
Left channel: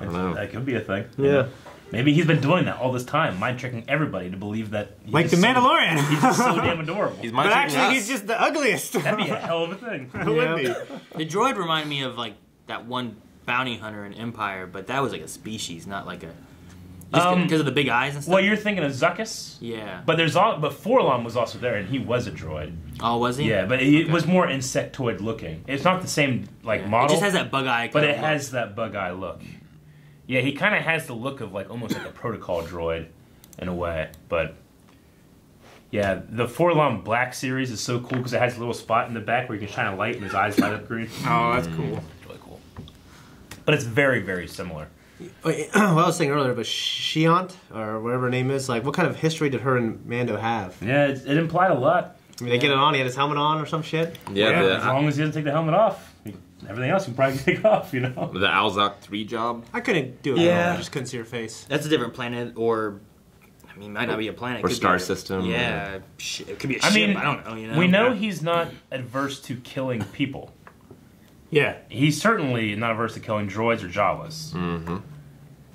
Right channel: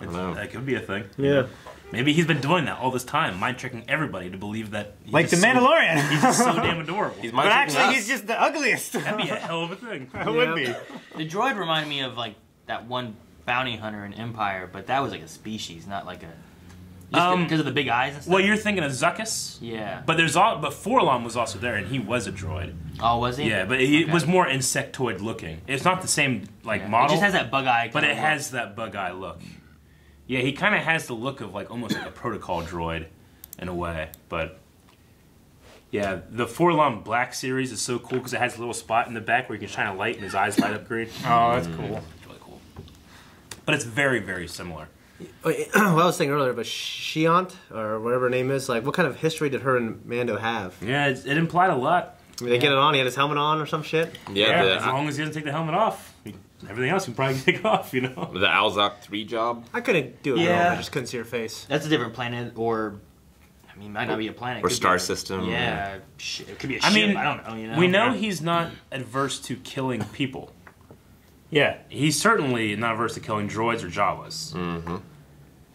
I don't know. That could be a thing. Yeah. Maybe he's been doing that all this time, mind tricking everybody to believe that he's the Mandalorian. He's just so damn adorable. He's but actually, he's just the ugliest. That'd be a hell of a thing. That would be. The droid reminded me of that one bounty hunter in Empire, but that was a species, not a... because of the big eyes and stuff. Well, you're thinking of Zuckuss. Yeah. But but Forlom was also there, and he was a droid. Oh, was he? Yeah, but it was more insectoid looking. It's not the same model. It just has that bug eye. But it has that bug eye look. Yeah, he kind of has the look of almost like a protocol droid, in a way. But yeah, the Forlom Black series is so cool because it has a little spot in the back where you can shine a light and his eyes light up green. Oh, that's cool. It's really cool. But it's very, very similar. Well, I was saying earlier, but Shiant, or whatever her name is, what kind of history did her and Mando have? Yeah, it implied a lot. I mean, they get it on, he had his helmet on or some shit? Yeah, as long as he doesn't take the helmet off. Everything else you can probably take off, The Alzok 3 job? I couldn't do it. Yeah. I just couldn't see her face. That's a different planet, or... might not be a planet. Or star system. Yeah, it could be a ship. I don't know. We know he's not adverse to killing people. Yeah, he's certainly not averse to killing droids or Jawas. Mm-hmm.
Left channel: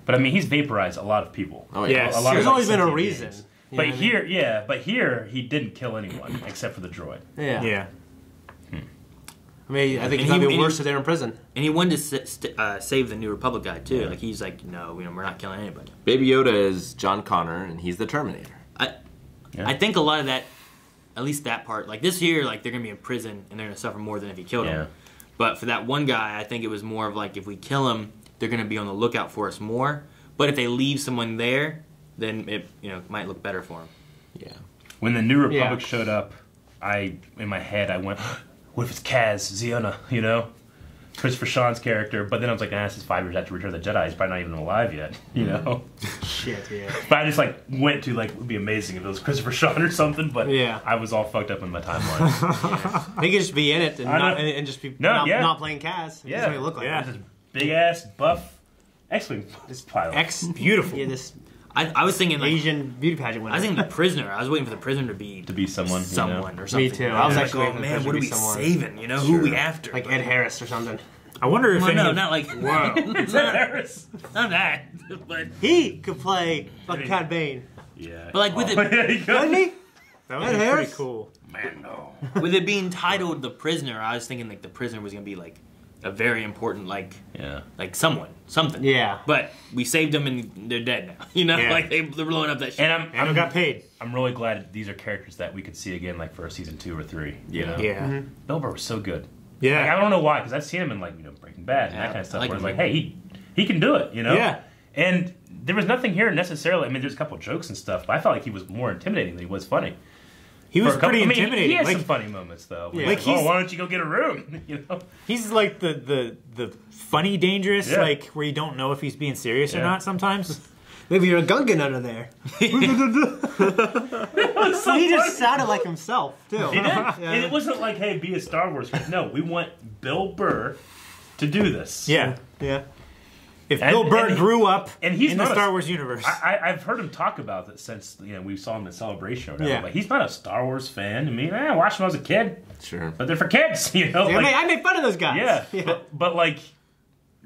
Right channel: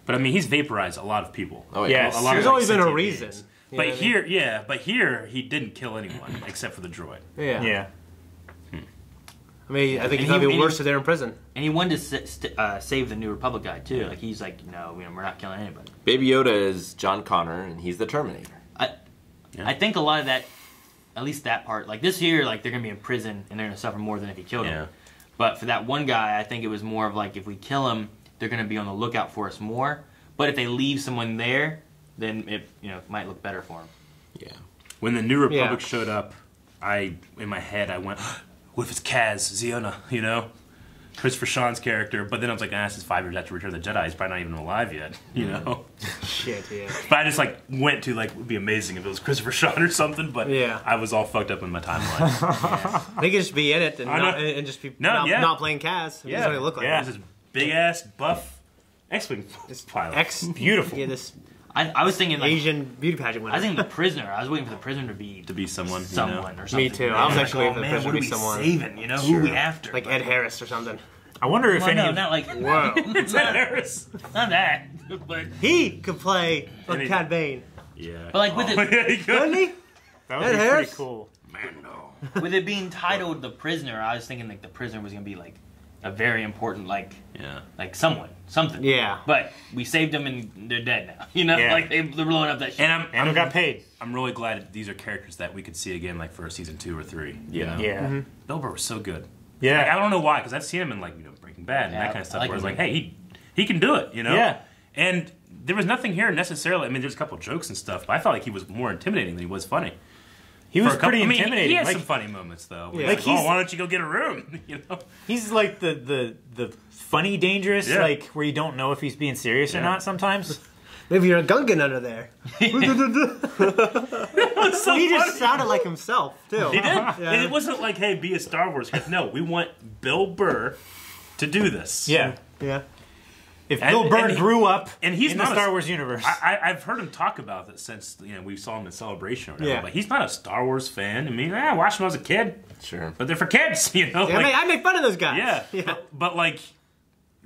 But he's vaporized a lot of people. Oh yeah, there's always been a reason. But here he didn't kill anyone except for the droid. Yeah. I mean, I think it'd be worse if they're in prison. And he wanted to save the New Republic guy too. He's like, no, we're not killing anybody. Baby Yoda is John Connor, and he's the Terminator. I think a lot of that, at least that part, this year, they're gonna be in prison and they're gonna suffer more than if he killed him. But for that one guy, I think it was more of if we kill him, they're gonna be on the lookout for us more. But if they leave someone there, then it might look better for him. Yeah. When the New Republic showed up, in my head I went, what if it's Kaz, Ziona, Christopher Sean's character? But then I was like, this is 5 years after Return of the Jedi. He's probably not even alive yet, Shit, yeah. But I just went to it would be amazing if it was Christopher Sean or something. But I was all fucked up in my timeline. They could just be in it and just be not playing Kaz. Yeah, what it look like. This big ass buff X-wing pilot. Beautiful. Yeah, I was thinking like Asian beauty pageant winner. I was thinking the prisoner. I was waiting for the prisoner to be someone, or something. Me too. I was actually waiting for the man, prisoner what to be are we someone. saving? You know, who are we after? Like Ed Harris or something. I wonder if any. No, not like Whoa. it's Ed Harris. Not that, but He could play fucking Cad Bane. Yeah. but like with it, Couldn't he? That would Ed be Harris? pretty cool. Man, no. with it being titled The Prisoner, I was thinking like the prisoner was gonna be like a very important like something. Yeah. But we saved them and they're dead now. You know, Yeah. like they're blowing up that shit. And And got paid. I'm really glad these are characters that we could see again, like for season 2 or 3. Yeah. Yeah. Bill Burr was so good. Yeah. Like, I don't know why, because I've seen him in like Breaking Bad and Yeah, that kind of stuff. I like Where it's him. like, hey, he can do it, you know. Yeah. And there was nothing here necessarily. I mean, there's a couple jokes and stuff, but I felt like he was more intimidating than he was funny. He was For a couple- pretty I mean, intimidating. He has like, some funny moments though. Yeah. Like, Like, oh, he's- why don't you go get a room? You know. he's like the funny dangerous, Yeah. like where you don't know if he's being serious or Yeah. not sometimes. Maybe you're a Gungan under there. So He just funny. sounded like himself, too. He did. Yeah. It wasn't like, hey, be a Star Wars kid. No, we want Bill Burr to do this. Yeah. Yeah. If And- Bill Burr and he- grew up and he's in the not a- Star Wars universe. I've heard him talk about this since we saw him at Celebration or whatever. Yeah. Like, he's not a Star Wars fan. I mean, I watched him when I was a kid, Sure. but they're for kids, you know. I Like, mean, I make fun of those guys. yeah. But like,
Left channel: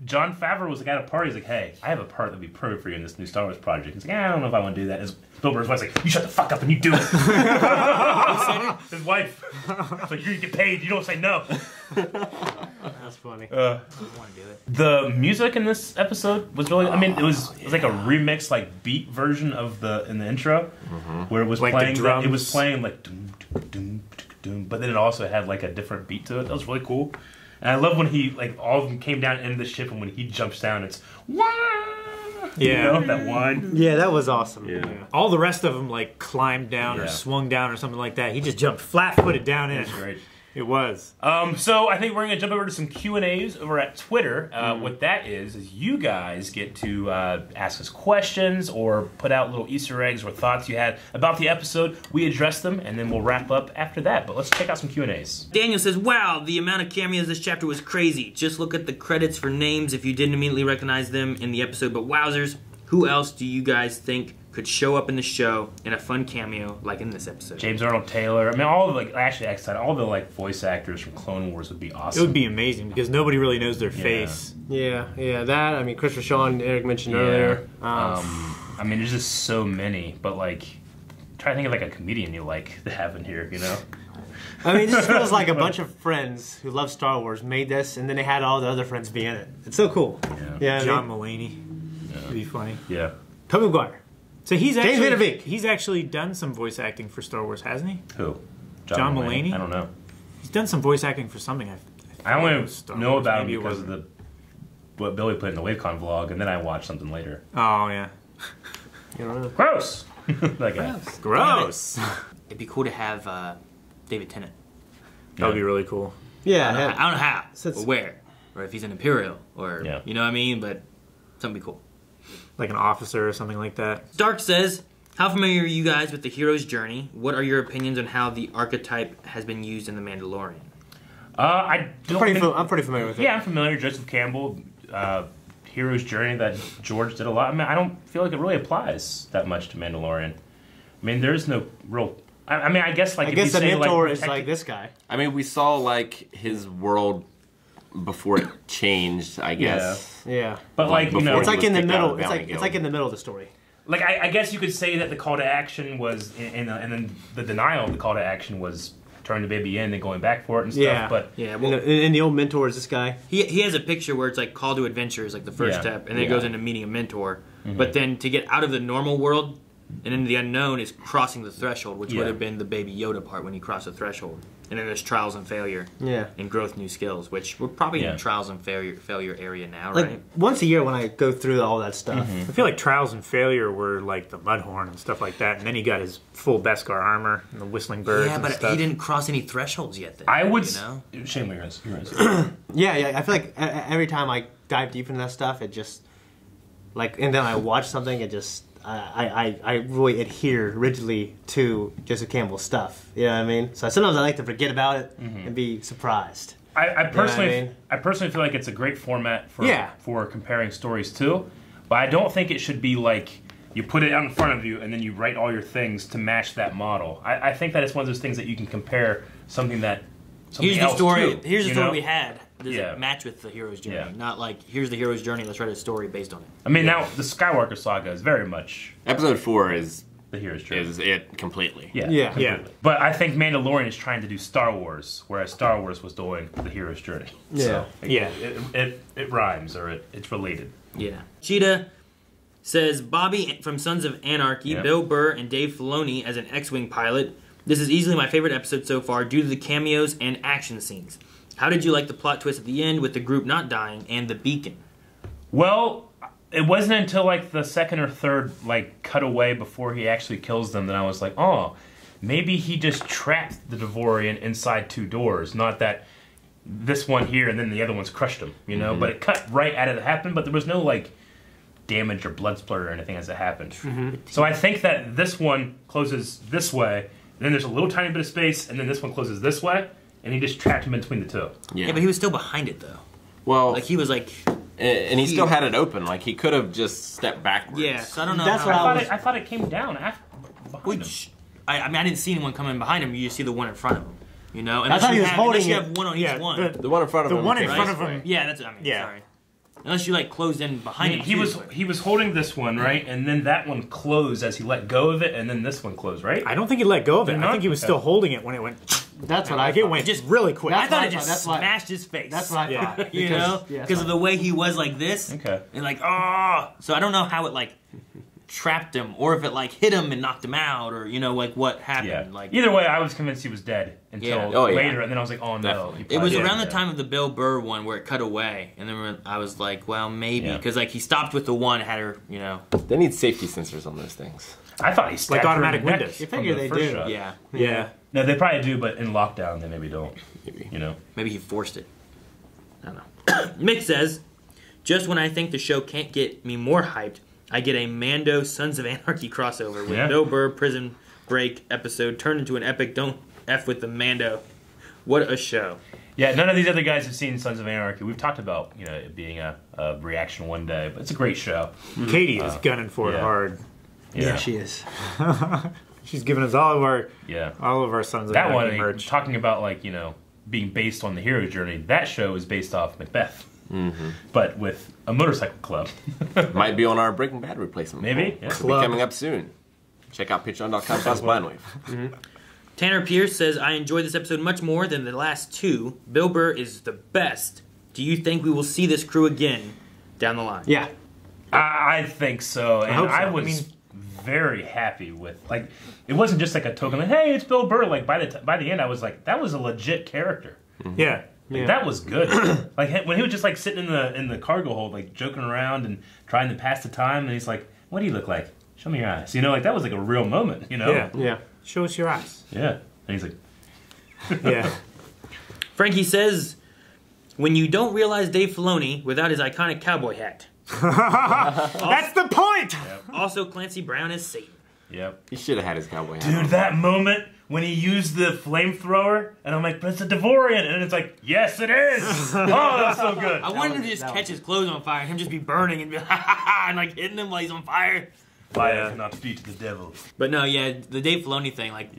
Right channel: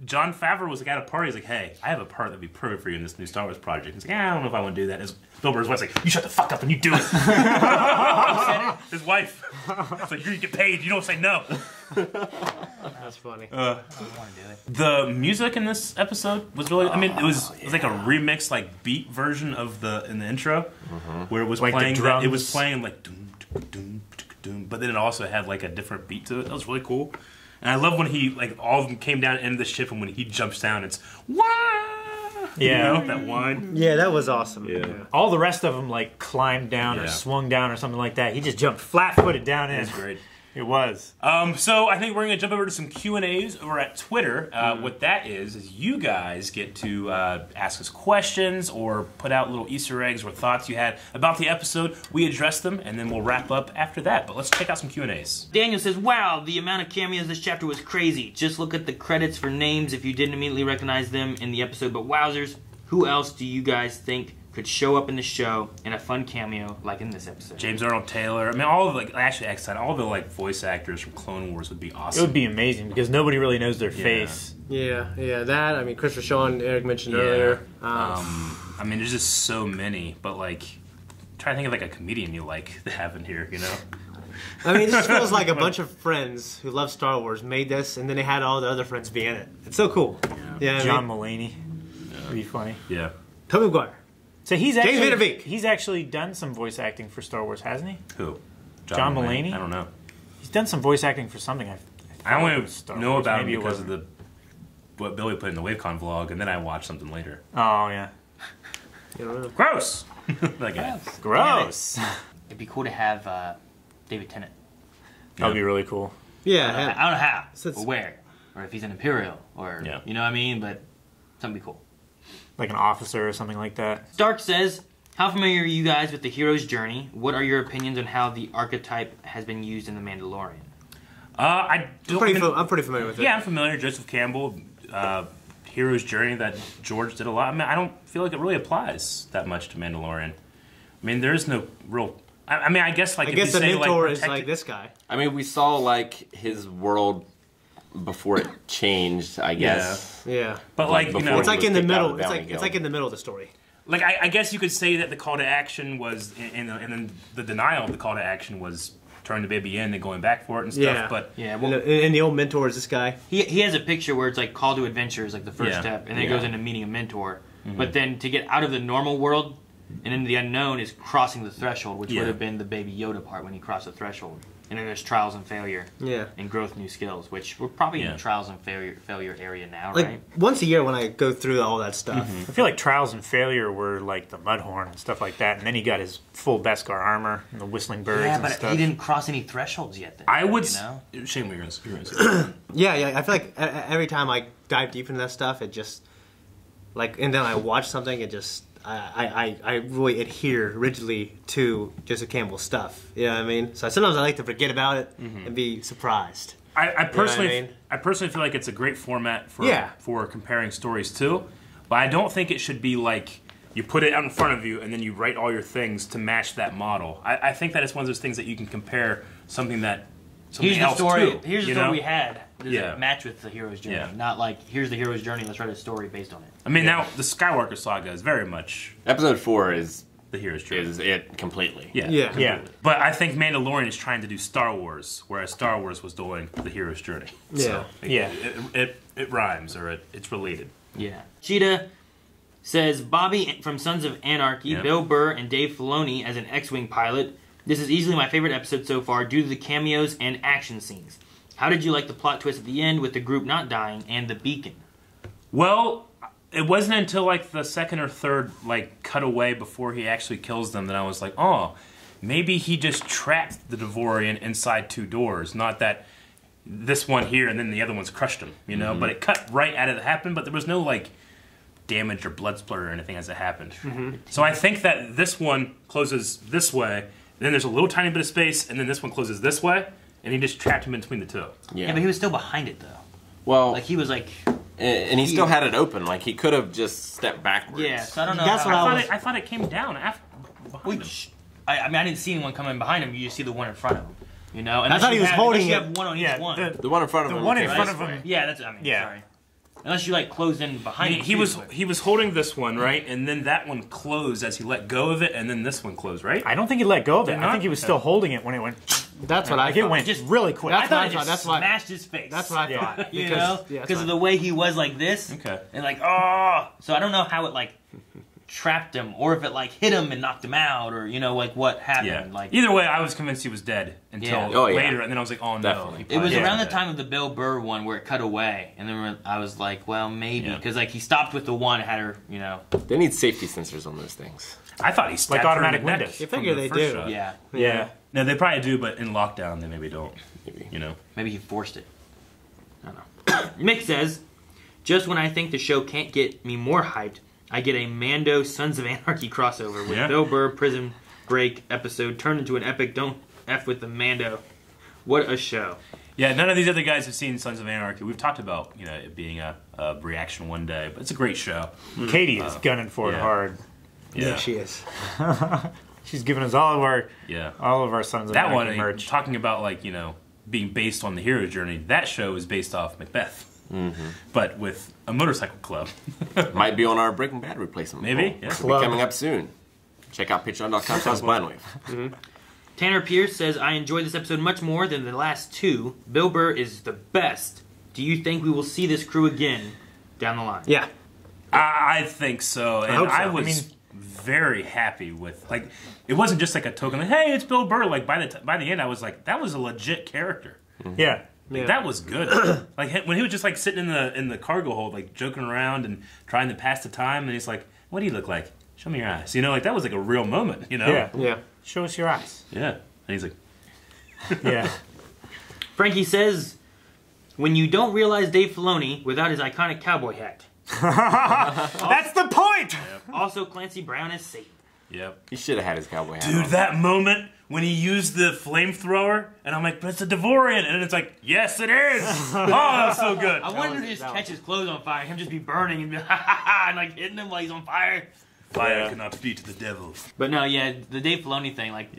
Jon Favreau was like at a party. He's like, "Hey, I have a part that'd be perfect for you in this new Star Wars project." He's like, "I don't know if I want to do that." His Bill Burr's wife's like, "You shut the fuck up and you do it." His wife, it's like, "You get paid. You don't say no." That's funny. The music in this episode was really. I mean, it was like a remix, like beat version of in the intro, where it was Like the playing. drums. It was playing like doom, doom, doom, doom, but then it also had like a different beat to it. That was really cool. And I love when he like all of them came down into the ship, and when he jumps down, it's wah. Yeah. You know, that one. Yeah, that was awesome. Yeah. All the rest of them like climbed down or Yeah. swung down or something like that. He just jumped flat-footed down in. That's great. It was. So I think we're going to jump over to some Q&As over at Twitter. What that is you guys get to ask us questions or put out little Easter eggs or thoughts you had about the episode. We address them, and then we'll wrap up after that. But let's check out some Q&As. Daniel says, "Wow, the amount of cameos this chapter was crazy. Just look at the credits for names if you didn't immediately recognize them in the episode. But wowzers, who else do you guys think could show up in the show in a fun cameo like in this episode?" James Arnold Taylor. I mean, all of all the like voice actors from Clone Wars would be It awesome. would be amazing because nobody really knows their face. Yeah, that. I mean, Christopher Sean, Eric mentioned Yeah. earlier. I mean, there's just so many. But like, try to think of like a comedian you like to have in here. You know. I mean, it just feels like a bunch of friends who love Star Wars made this, and then they had all the other friends be in it. It's so cool. Yeah, John Mulaney. Would be funny. Yeah. Tobey Maguire. So he's James Van Der Beek. he's actually done some voice acting for Star Wars, hasn't he? Who? John Mulaney? I don't know. He's done some voice acting for something. I only Star know Wars, about him maybe it because of wasn't. what Billy put in the WaveCon vlog, and then I watched something later. Oh yeah. Gross. That guy. Gross. It'd be cool to have David Tennant. That would be really cool. Yeah, I don't know how, Since- or where, or if he's an Imperial, or Yeah. you know what I mean. But something be cool. Like an officer or something like that. Dark says, "How familiar are you guys with the hero's journey? What are your opinions on how the archetype has been used in The Mandalorian?" I don't I'm pretty familiar with it. Yeah, I'm familiar. Joseph Campbell, Hero's Journey that George did a lot. I mean, I don't feel like it really applies that much to Mandalorian. I mean, there's no real. I mean, I guess like I if guess you the say, mentor like, is like this guy. I mean, we saw like his world before it changed, I guess. Yeah, But like you know, it's like was in the kicked out middle. of It's Bounty like Guild. in the middle of the story. like I guess you could say that the call to action was, and then the denial of the call to action was turning the baby in and going back for it and stuff. Yeah. But Yeah, And well, the old mentor is this guy. he has a picture where it's like call to adventure is like the first Yeah. step, and then it Yeah. goes into meeting a mentor. But then to get out of the normal world and into the unknown is crossing the threshold, which Yeah. would have been the Baby Yoda part when he crossed the threshold. And then there's trials and failure Yeah. and growth, new skills, which we're probably in Yeah. the trials and failure area now, Like right? once a year when I go through all that stuff. I feel like Trials and Failure were like the Mudhorn and stuff like that, and then he got his full Beskar armor and the Whistling Birds Yeah, and but stuff. he didn't cross any thresholds yet. Then, I would. you know? Shane, what you're gonna say. Yeah. I feel like every time I dive deep into that stuff, it just like, and then I watch something, it just I really adhere rigidly to Joseph Campbell's stuff. You know what I mean? So sometimes I like to forget about it and be surprised. I personally, I mean? I personally feel like it's a great format for Yeah. for comparing stories too, but I don't think it should be like you put it out in front of you, and then you write all your things to match that model. I think that it's one of those things that you can compare something else Here's the story to. We had. Does it match with the hero's journey? Yeah. Not like, here's the hero's journey, let's write a story based on it. I mean, now, the Skywalker saga is very much... Episode 4 is... the hero's journey. Is it completely. Yeah. Completely. But I think Mandalorian is trying to do Star Wars, whereas Star Wars was doing the hero's journey. Yeah. So it rhymes, or it's related. Yeah. Cheetah says, Bobby from Sons of Anarchy, Bill Burr, and Dave Filoni as an X-Wing pilot. This is easily my favorite episode so far due to the cameos and action scenes. How did you like the plot twist at the end with the group not dying and the beacon? Well, it wasn't until like the second or third like cutaway before he actually kills them that I was like, oh, maybe he just trapped the Devorian inside 2 doors. Not that this one here and then the other one's crushed him, you know? But it cut right out of it happened, but there was no like damage or blood splatter or anything as it happened. So I think that this one closes this way, then there's a little tiny bit of space, and then this one closes this way, and he just trapped him in between the 2. Yeah, but he was still behind it, though. Well... Like, he was like... And he still had it open. Like, he could have just stepped backwards. Yeah, so I don't know. That's I thought it came down after... I mean, I didn't see anyone coming behind him. You just see the one in front of him. You know? And I thought he was holding you it. have one on each one. The one in front of him. The one in front of him. Yeah, that's... I mean, sorry. Unless you, like, closed in behind him. He was holding this one, right? And then that one closed as he let go of it, and then this one closed, right? I don't think he let go of it. I think he was still holding it when it went... That's what I thought. It went just really quick. I thought it just smashed his face. That's what I thought. You know? Because of the way he was like this. Okay. And like, oh! So I don't know how it, like, trapped him, or if it, like, hit him and knocked him out, or, you know, like, what happened. Yeah. Like, either way, I was convinced he was dead until later, and then I was like, oh, no. It was around the time of the Bill Burr one where it cut away, and then I was like, well, maybe. Because, like, he stopped with the one and had her, you know. They need safety sensors on those things. I thought he stabbed like automatic her in the windows. You figure they do. Shot. Yeah. No, they probably do, but in lockdown, they maybe don't. You know? Maybe he forced it. I don't know. Mick says, just when I think the show can't get me more hyped, I get a Mando Sons of Anarchy crossover with Bill Burr Prison Break episode turned into an epic Don't F with the Mando. What a show. Yeah, none of these other guys have seen Sons of Anarchy. We've talked about, you know, it being a reaction one day, but it's a great show. Katie is gunning for it hard. Yeah, she is. She's giving us all of our Sons of Anarchy merch. Talking about, like, you know, being based on the hero journey, that show is based off Macbeth. But with a motorcycle club. Might be on our Breaking Bad replacement. Maybe. This will be coming up soon. Check out patreon.com/blindwave. Tanner Pierce says, I enjoyed this episode much more than the last 2. Bill Burr is the best. Do you think we will see this crew again down the line? Yeah. I think so. And I hope so. was very happy with, like, it wasn't just like a token, like, hey, it's Bill Burr. Like, by the end, I was like, that was a legit character. Yeah. Like, that was good. Like, when he was just like sitting in the cargo hold, like joking around and trying to pass the time, and he's like, "What do you look like? Show me your eyes." You know, like that was like a real moment. You know? Yeah. Show us your eyes. Yeah. And he's like, yeah. Frankie says, when you don't realize Dave Filoni without his iconic cowboy hat. That's the point. Also, Clancy Brown is Satan. Yep. He should have had his cowboy hat. Dude, that moment when he used the flamethrower, and I'm like, "That's a Devorian," and it's like, "Yes, it is." Oh, that's so good. I wanted to just catch his clothes on fire, him just be burning and be and like hitting him while he's on fire. Fire cannot speak to the devil. But no, yeah, the Dave Filoni thing, like,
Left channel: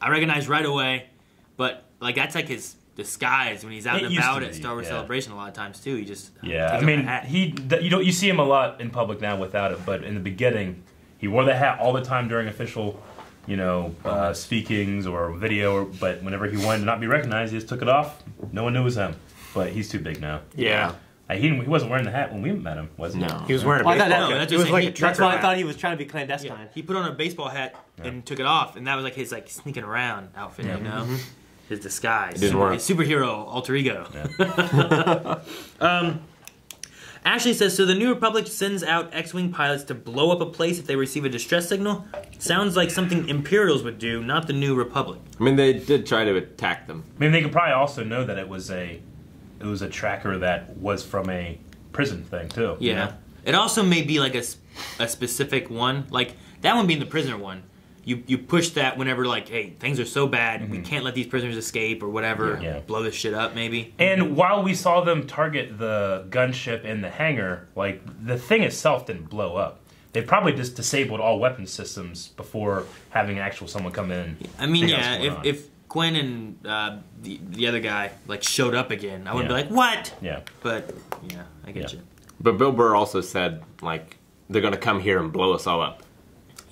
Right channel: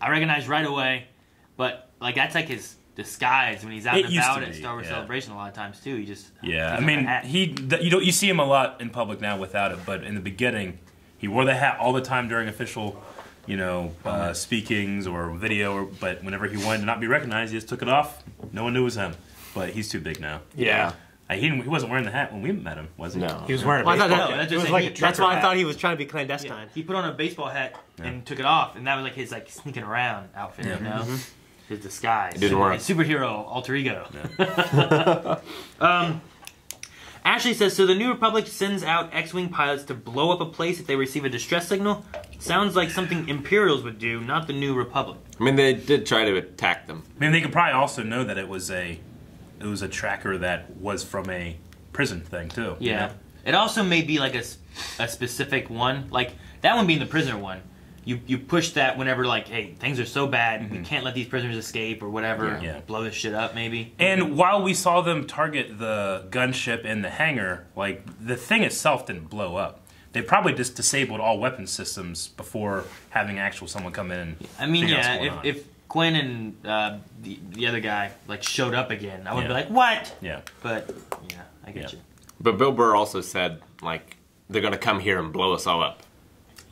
I recognized right away. But like that's like his disguise when he's out and about at Star Wars Celebration a lot of times too. He just I mean, you see him a lot in public now without it, but in the beginning, he wore the hat all the time during official, you know, speakings or video. But whenever he wanted to not be recognized, he just took it off. No one knew it was him. But he's too big now. Yeah. He wasn't wearing the hat when we met him, was he? No. He was wearing a baseball hat. That's why I thought he was trying to be clandestine. Yeah, he put on a baseball hat and took it off, and that was like his like sneaking around outfit, you know? His disguise. It didn't work. His superhero alter ego. Ashley says, so the New Republic sends out X-Wing pilots to blow up a place if they receive a distress signal? Sounds like something Imperials would do, not the New Republic. I mean, they did try to attack them. I mean, they could probably also know that it was a tracker that was from a prison thing, too. Yeah. You know? It also may be like a specific one. Like, that one being the prisoner one. You push that whenever, like, hey, things are so bad, we can't let these prisoners escape or whatever. Yeah. Blow this shit up, maybe. And while we saw them target the gunship in the hangar, like, the thing itself didn't blow up. they probably just disabled all weapon systems before having actual someone come in. I mean, yeah, if Quinn and the other guy like showed up again, I would be like, what? Yeah. But yeah, I get you. But Bill Burr also said like they're gonna come here and blow us all up.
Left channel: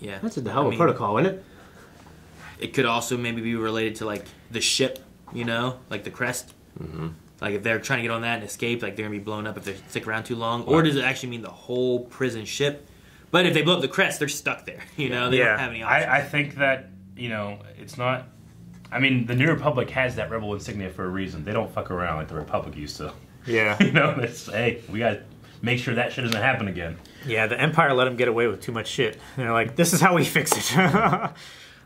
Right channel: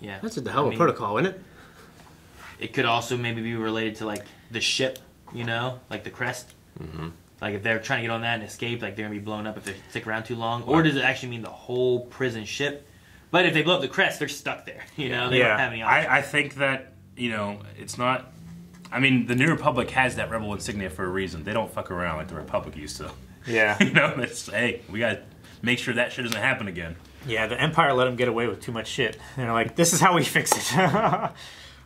Yeah, that's the hell of a protocol, isn't it? It could also maybe be related to like the ship, you know, like the crest. Mm-hmm. Like if they're trying to get on that and escape, like they're gonna be blown up if they stick around too long, or does it actually mean the whole prison ship? But if they blow up the crest, they're stuck there. You know, they don't have any options. I think that it's not. I mean, the New Republic has that rebel insignia for a reason. They don't fuck around like the Republic used to. Yeah. It's hey, we gotta make sure that shit doesn't happen again. Yeah, the Empire let them get away with too much shit. And they're like, this is how we fix it.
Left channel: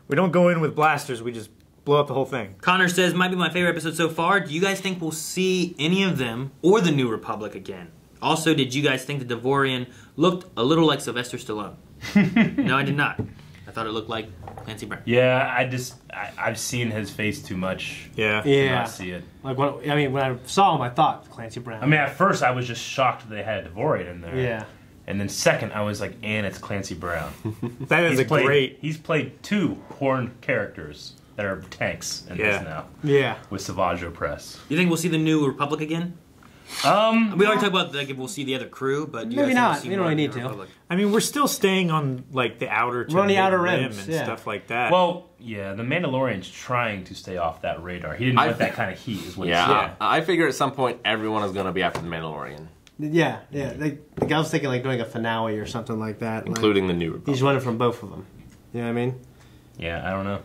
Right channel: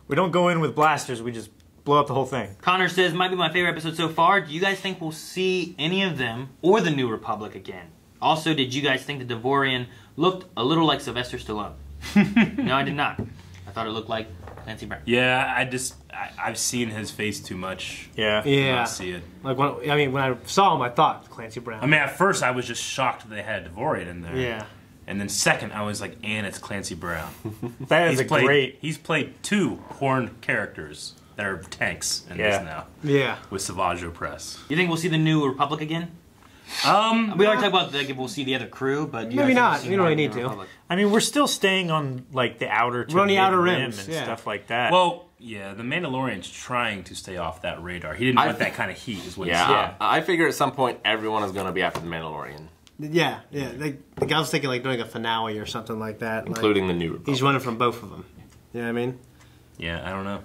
We don't go in with blasters. We just blow up the whole thing. Connor says, might be my favorite episode so far. Do you guys think we'll see any of them or the New Republic again? Also, did you guys think the Devorian looked a little like Sylvester Stallone? No, I did not. I thought it looked like Clancy Brown. Yeah, I've seen his face too much. Yeah. To not see it. Like when I saw him, I thought Clancy Brown. I mean, at first I was just shocked that they had a Devorian in there. Yeah. And then second, I was like, and it's Clancy Brown. That is great... He's played 2 horned characters that are tanks in this now. Yeah. With Savage Opress. You think we'll see the New Republic again? We already talked about like if we'll see the other crew, but maybe not. You don't really need to. I mean, we're still staying on like the outer we're on the outer rims and stuff like that. Well, yeah, the Mandalorian's trying to stay off that radar. He didn't want that kind of heat, is what he said. I figure at some point everyone is going to be after the Mandalorian. Yeah. Like, I was thinking like doing a finale or something like that. Including like, the New Republic. He's running from both of them. You know what I mean? Yeah, I don't know.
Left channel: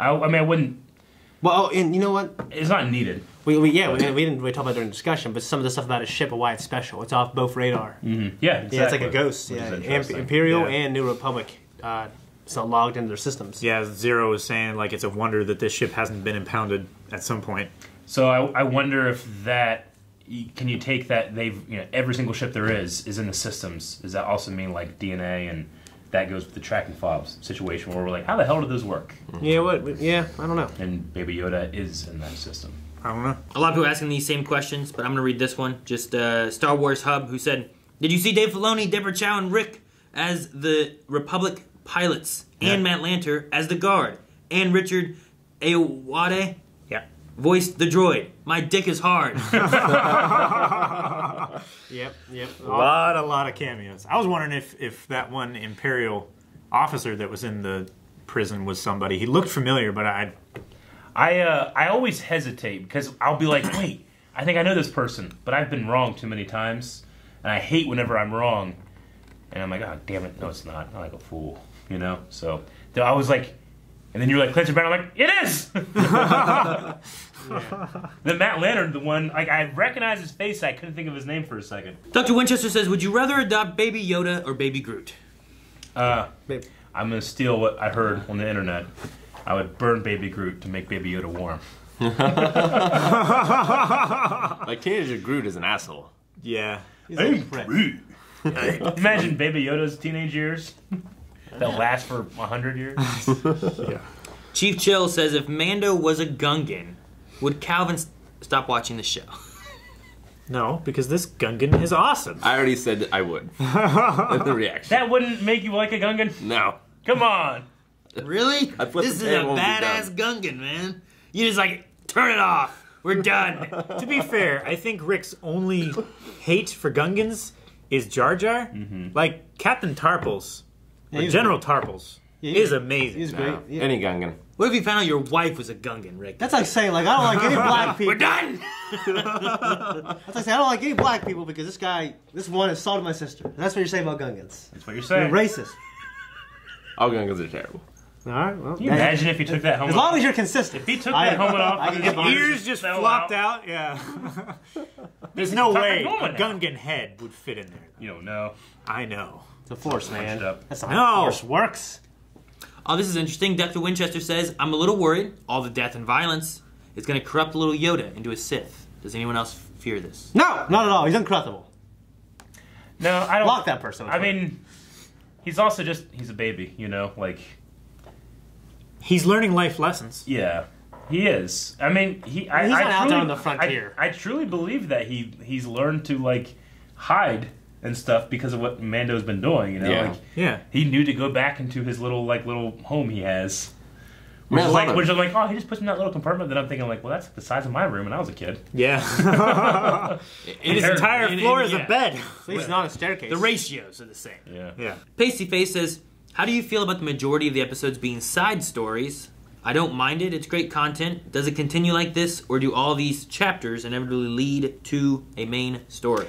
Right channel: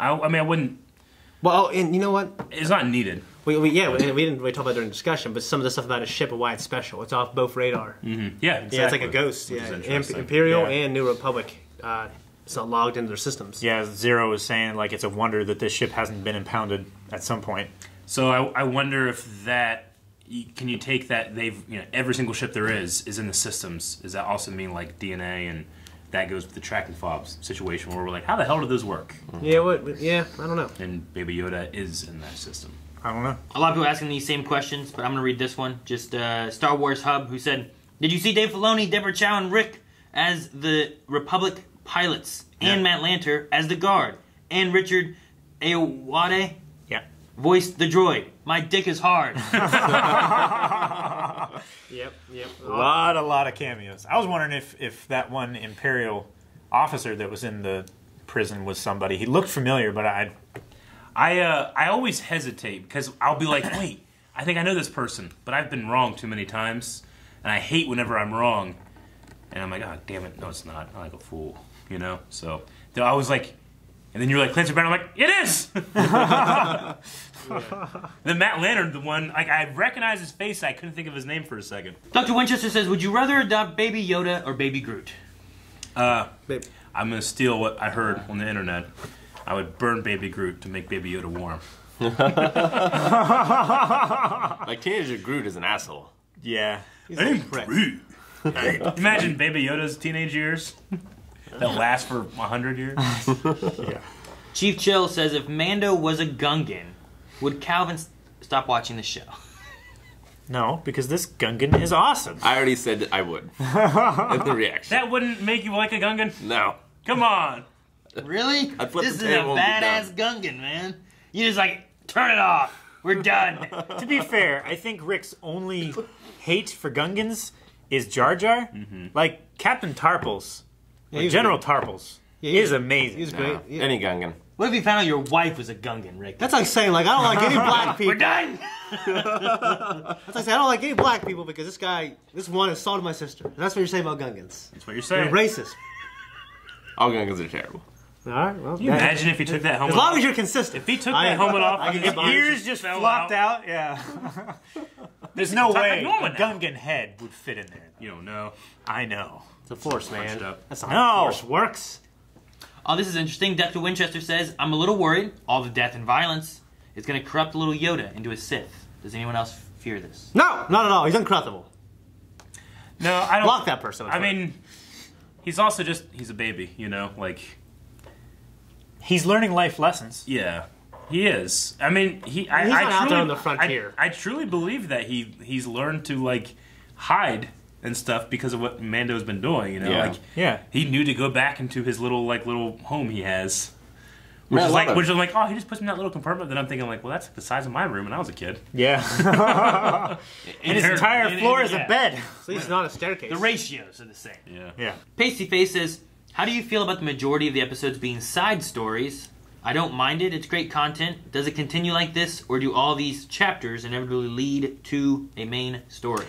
I mean, I wouldn't... Well, and you know what? It's not needed. We didn't really talk about it during the discussion, but some of the stuff about his ship and why it's special. It's off both radar. Mm-hmm. Yeah, exactly. Yeah, it's like a ghost. Yeah, Imperial and New Republic. It's not logged into their systems. Yeah, Zero was saying like it's a wonder that this ship hasn't been impounded at some point. So I wonder if that... Can you take that they've... every single ship there is in the systems. Does that also mean like DNA and... That goes with the tracking fobs situation where we're like, how the hell did this work? Yeah, I don't know. And Baby Yoda is in that system. I don't know. A lot of people asking these same questions, but I'm going to read this one. Just Star Wars Hub, who said, did you see Dave Filoni, Deborah Chow, and Rick as the Republic pilots, and Matt Lanter as the guard, and Richard Ayoade voiced the droid? My dick is hard. Yep. A lot of cameos. I was wondering if that one Imperial officer that was in the prison was somebody. He looked familiar, but I always hesitate because I'll be like, wait, I think I know this person, but I've been wrong too many times, and I hate whenever I'm wrong. And I'm like, oh, damn it, no, it's not. I'm like a fool, So I was like, and then you're like, Clancy Brown, I'm like, it is! Then Matt Lanter, the one, like, I recognized his face, I couldn't think of his name for a second. Dr. Winchester says, would you rather adopt Baby Yoda or Baby Groot? I'm going to steal what I heard on the internet. I would burn Baby Groot to make Baby Yoda warm. Like, Teenager Groot is an asshole. Yeah. Hey, Groot. Imagine Baby Yoda's teenage years. That last for 100 years. Yeah. Chief Chill says, if Mando was a Gungan, would Calvin stop watching the show? No, because this Gungan is awesome. I already said I would. That's the reaction. That wouldn't make you like a Gungan? No. Come on. Really? This is a badass Gungan, man. You just like, turn it off. We're done. To be fair, I think Rick's only hate for Gungans is Jar Jar. Mm-hmm. Like, Captain Tarpals, General Tarpals, is amazing. He's great. Yeah. Any Gungan. What if you found out your wife was a Gungan, Rick? That's like saying, like, I don't like any black people. We're done! That's like saying, I don't like any black people because this one assaulted my sister. That's what you're saying about Gungans. That's what you're saying. You're racist. All Gungans are terrible. All right, well. Can you imagine if he took that helmet off? As long as you're consistent. If he took that helmet off, I can get behind ears just flopped out. Yeah. There's no way a Gungan head would fit in there. You don't know. I know. It's a force, man. That's how force works. Oh, this is interesting. Dr. Winchester says, I'm a little worried all the death and violence is going to corrupt little Yoda into a Sith. Does anyone else fear this? No. He's incorruptible. No, I don't. Block that person. I mean, he's also he's a baby, like... He's learning life lessons. Yeah, he is. I mean, he's not out there on the frontier. I truly believe that he's learned to, hide and stuff because of what Mando's been doing. You know, like he knew to go back into his little home he has. Which is like, oh, he just puts me in that little compartment. Then I'm thinking, like, well, that's the size of my room when I was a kid. Yeah. And his entire floor is a bed. At least not a staircase. The ratios are the same. Yeah. Pasty Face says, how do you feel about the majority of the episodes being side stories? I don't mind it. It's great content. Does it continue like this, or do all these chapters inevitably lead to a main story?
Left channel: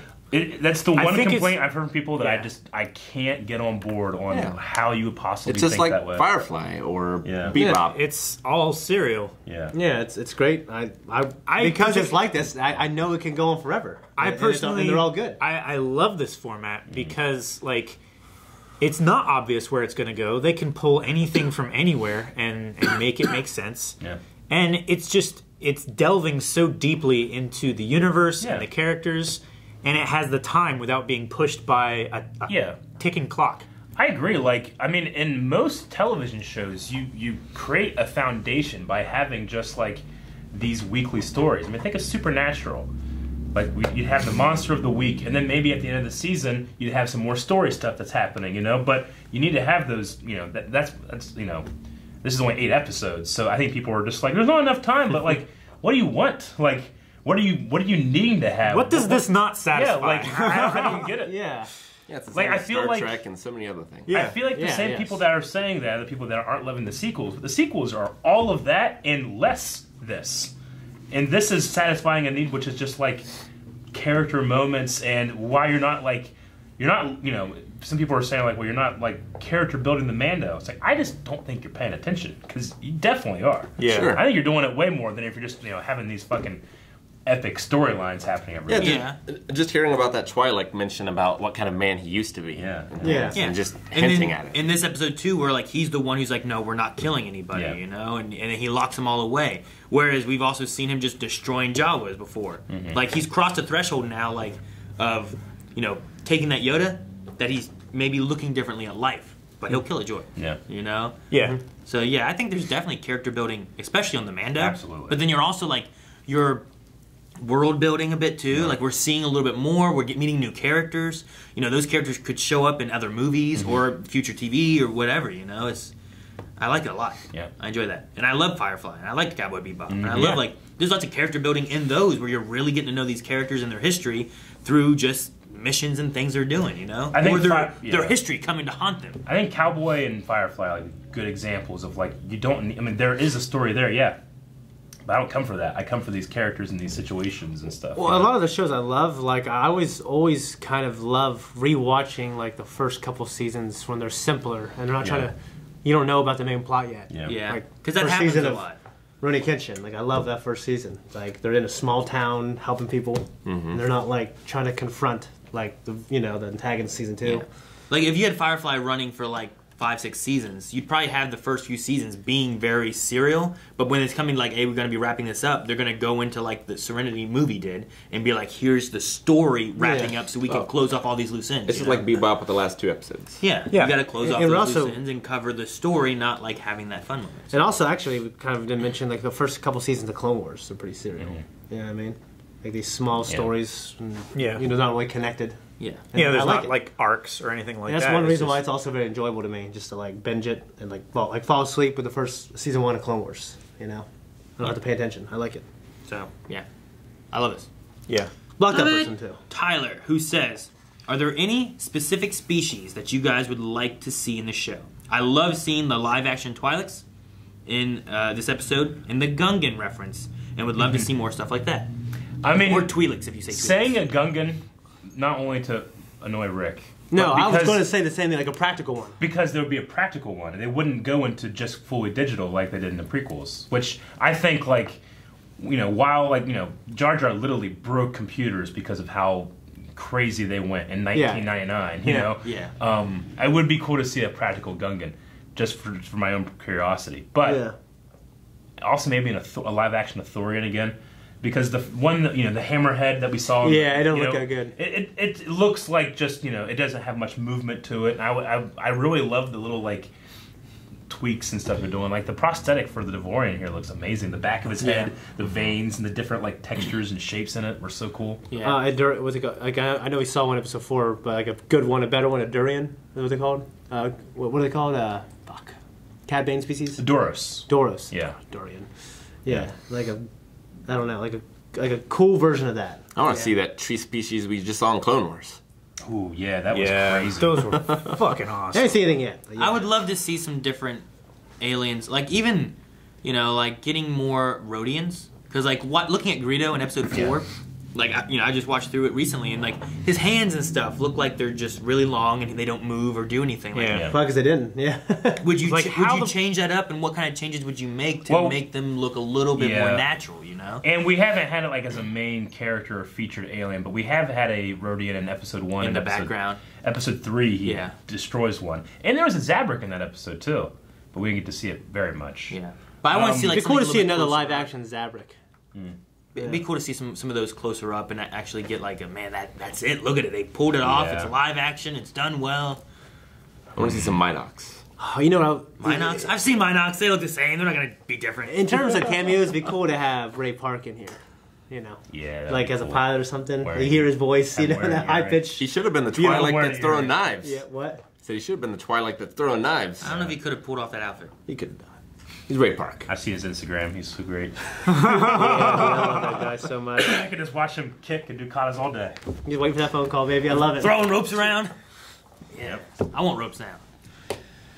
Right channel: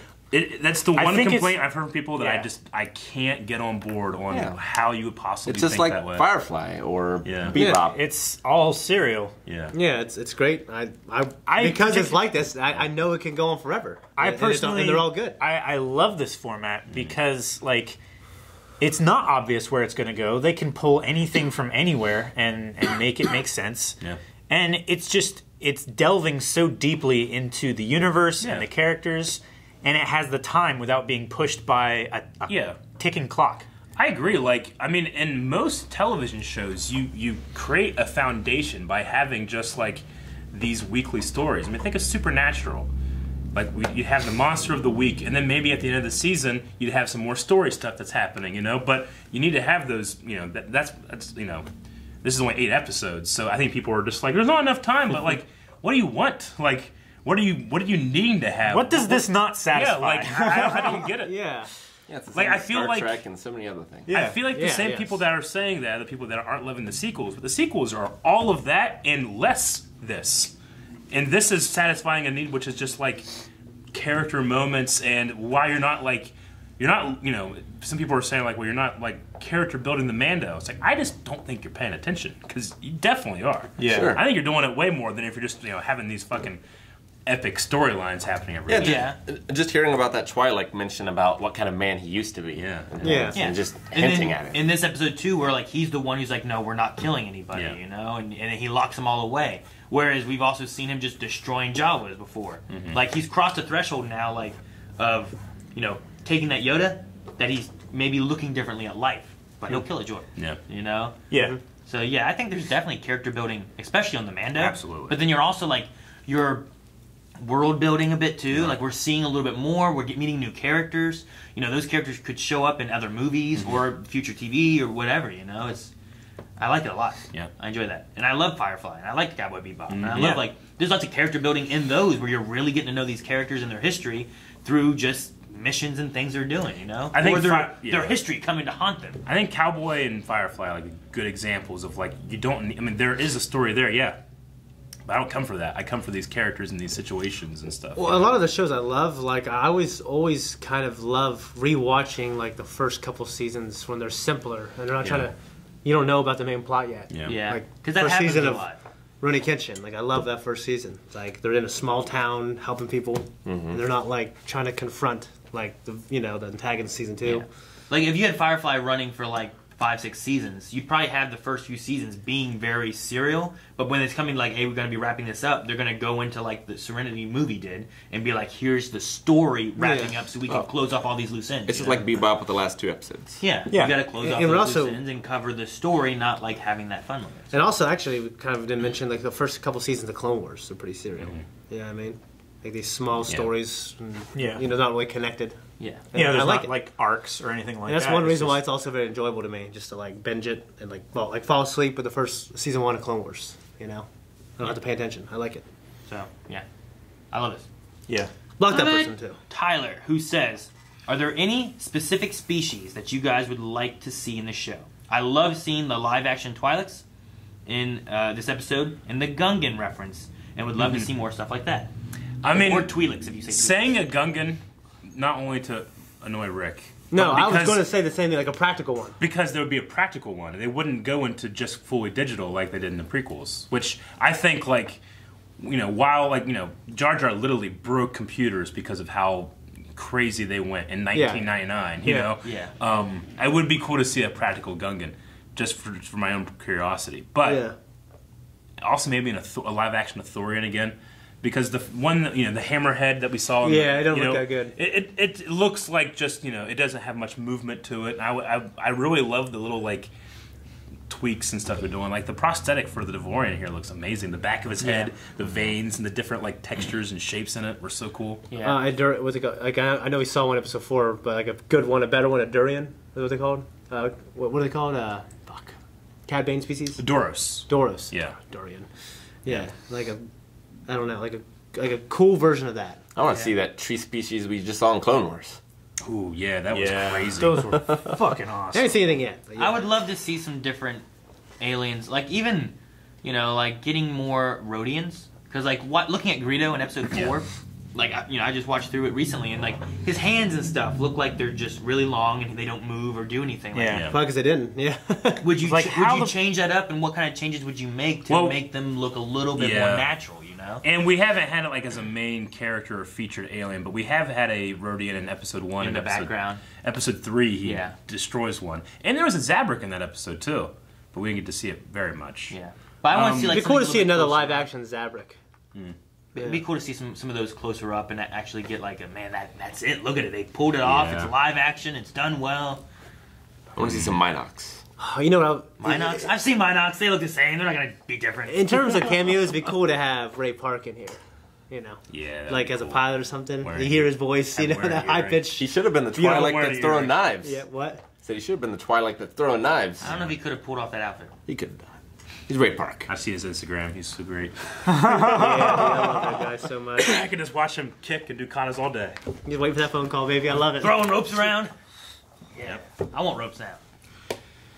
That's the one complaint I've heard from people that I can't get on board on how you would possibly think that way. It's just like Firefly or Bebop. It's all serial. Yeah, it's great. Because it's like this, I know it can go on forever. And they're all good. I love this format because like it's not obvious where it's going to go. They can pull anything from anywhere and make it make sense. Yeah. And it's delving so deeply into the universe and the characters. And it has the time without being pushed by a ticking clock. I agree. Like, I mean, in most television shows, you create a foundation by having just, like, these weekly stories. I mean, think of Supernatural. Like, you'd have the monster of the week, and then maybe at the end of the season, you'd have some more story stuff that's happening, you know? But you need to have those, you know, that's you know, this is only 8 episodes, so I think people are just like, there's not enough time, but, like, what do you want? Like... What are you needing to have? What does this not satisfy? Yeah, like I don't get it. Yeah, it's the like same I feel Star like Trek and so many other things. Yeah. I feel like the same people that are saying that are the people that aren't loving the sequels. But the sequels are all of that and less this, and this is satisfying a need, which is just like character moments and why you're not you know. Some people are saying like, well, you're not like character building the Mando. It's like I just don't think you're paying attention because you definitely are. Yeah, sure. I think you're doing it way more than if you're just having these fucking epic storylines happening every week. Just hearing about that Twilight mention about what kind of man he used to be. And just hinting at it. In this episode too, where like he's the one who's like, no, we're not killing anybody, you know, and he locks them all away. Whereas we've also seen him just destroying Jawas before. Like he's crossed a threshold now, like of taking that Yoda, that he's maybe looking differently at life, but he'll kill a droid. You know. So I think there's definitely character building, especially on the Mando. Absolutely. But then you're also like you're world building a bit too. Like we're seeing a little bit more. We're meeting new characters. You know, those characters could show up in other movies or future TV or whatever. You know, I like it a lot. I enjoy that, and I love Firefly, and I like Cowboy Bebop, and I love like there's lots of character building in those where you're really getting to know these characters and their history through just missions and things they're doing. You know, I think their history coming to haunt them. I think Cowboy and Firefly are like good examples of like you don't. I mean, there is a story there, but I don't come for that. I come for these characters and these situations and stuff. Well, a lot of the shows I love, like I always kind of love rewatching like the first couple seasons when they're simpler and they're not trying to. You don't know about the main plot yet. Like because that happens a lot. Rurouni Kenshin, like I love that first season. It's like they're in a small town helping people, and they're not like trying to confront like the antagonist season 2. Like if you had Firefly running for like 5-6 seasons, you'd probably have the first few seasons being very serial, but when it's coming like, hey, we're going to be wrapping this up, they're going to go into like the Serenity movie did and be like, here's the story wrapping up so we can close off all these loose ends. It's just like Bebop with the last 2 episodes. You got to close off those loose ends and cover the story, not like having that fun moment. And also, actually, we kind of didn't mention like the first couple seasons of Clone Wars are pretty serial. You know what I mean? Like these small stories, not really connected. There's not like arcs or anything like that. That's one reason why it's also very enjoyable to me, just to like binge it and like fall asleep with the first season 1 of Clone Wars. You know, I don't have to pay attention. I like it. So I love this. Block that person too. Tyler, who says, are there any specific species that you guys would like to see in the show? I love seeing the live action Twi'leks in this episode and the Gungan reference, and would love to see more stuff like that. I mean, or Twi'leks if you say saying a Gungan. Not only to annoy Rick. No, I was going to say the same thing, like a practical one. Because there would be a practical one, and they wouldn't go into just fully digital like they did in the prequels. Which I think, like, while, like, Jar Jar literally broke computers because of how crazy they went in 1999, you know? It would be cool to see a practical Gungan, just for my own curiosity. But also maybe a live-action Ithorian again. Because the one, the hammerhead that we saw... it don't look that good. It looks like just, it doesn't have much movement to it. I really love the little, like, tweaks and stuff they're doing. Like the prosthetic for the Devorian here looks amazing. The back of his head, the veins, and the different like textures and shapes in it were so cool. Yeah. What's it called? Like I know we saw one episode 4, but like a good one, a better one, a durian. What's it called? What are they called? Cat bane species. Doros. Doros. Yeah. Durian. Yeah. Like a, I don't know, like a cool version of that. I want to see that tree species we just saw in Clone Wars. Ooh, yeah, that was crazy. Those were fucking awesome. I haven't seen anything yet. I would love to see some different aliens, like even, like getting more Rhodians. Because like looking at Greedo in episode 4, like I just watched through it recently, and like his hands and stuff look like they're just really long and they don't move or do anything. Like that. Because they didn't. Yeah. Would you change that up, and what kind of changes would you make to make them look a little bit more natural? And we haven't had it like as a main character or featured alien, but we have had a Rhodian in episode 1 in the background. Episode 3, he destroys one, and there was a Zabrak in that episode too, but we didn't get to see it very much. Yeah, but I want to see like it'd be cool to see another live action Zabrak. It'd be cool to see some of those closer up and actually get like a that's it. Look at it, they pulled it off. It's a live action. It's done well. I want to see some Minox. Oh, you know what? Minox? I've seen Minox. They look the same. They're not going to be different. In terms of cameos, it'd be cool to have Ray Park in here. Yeah. Like as a pilot or something. You hear his voice, that high pitch. He should have been the Twilight that's throwing knives. Yeah, what? So he should have been the Twilight that's throwing knives. I don't know if he could have pulled off that outfit. He could have done. He's Ray Park. I see his Instagram. He's so great. I love that guy so much. I can just watch him kick and do katas all day. Just wait for that phone call, baby. I love it. Throwing ropes around. Yep. I want ropes now.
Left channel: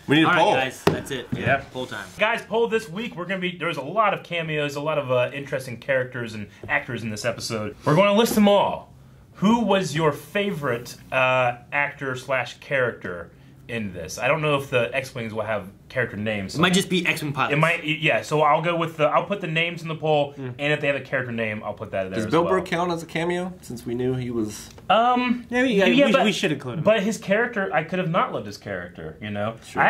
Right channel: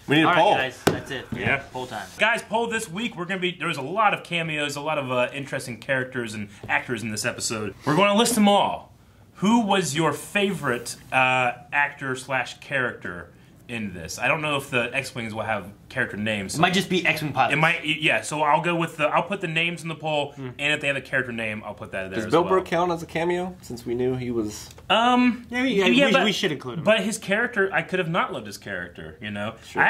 We need a poll. Right, guys, that's it. Yeah. Poll time. Guys, poll this week. There's a lot of cameos, a lot of interesting characters and actors in this episode. We're going to list them all. Who was your favorite actor / character in this? I don't know if the X-Wings will have character names. It might just be X-Wing pilots. It might, yeah. So I'll go with I'll put the names in the poll, and if they have a character name, I'll put that in there. Does Bill Burr count as a cameo? Since we knew he was. We should include him. But his character, I could have not loved his character. Sure.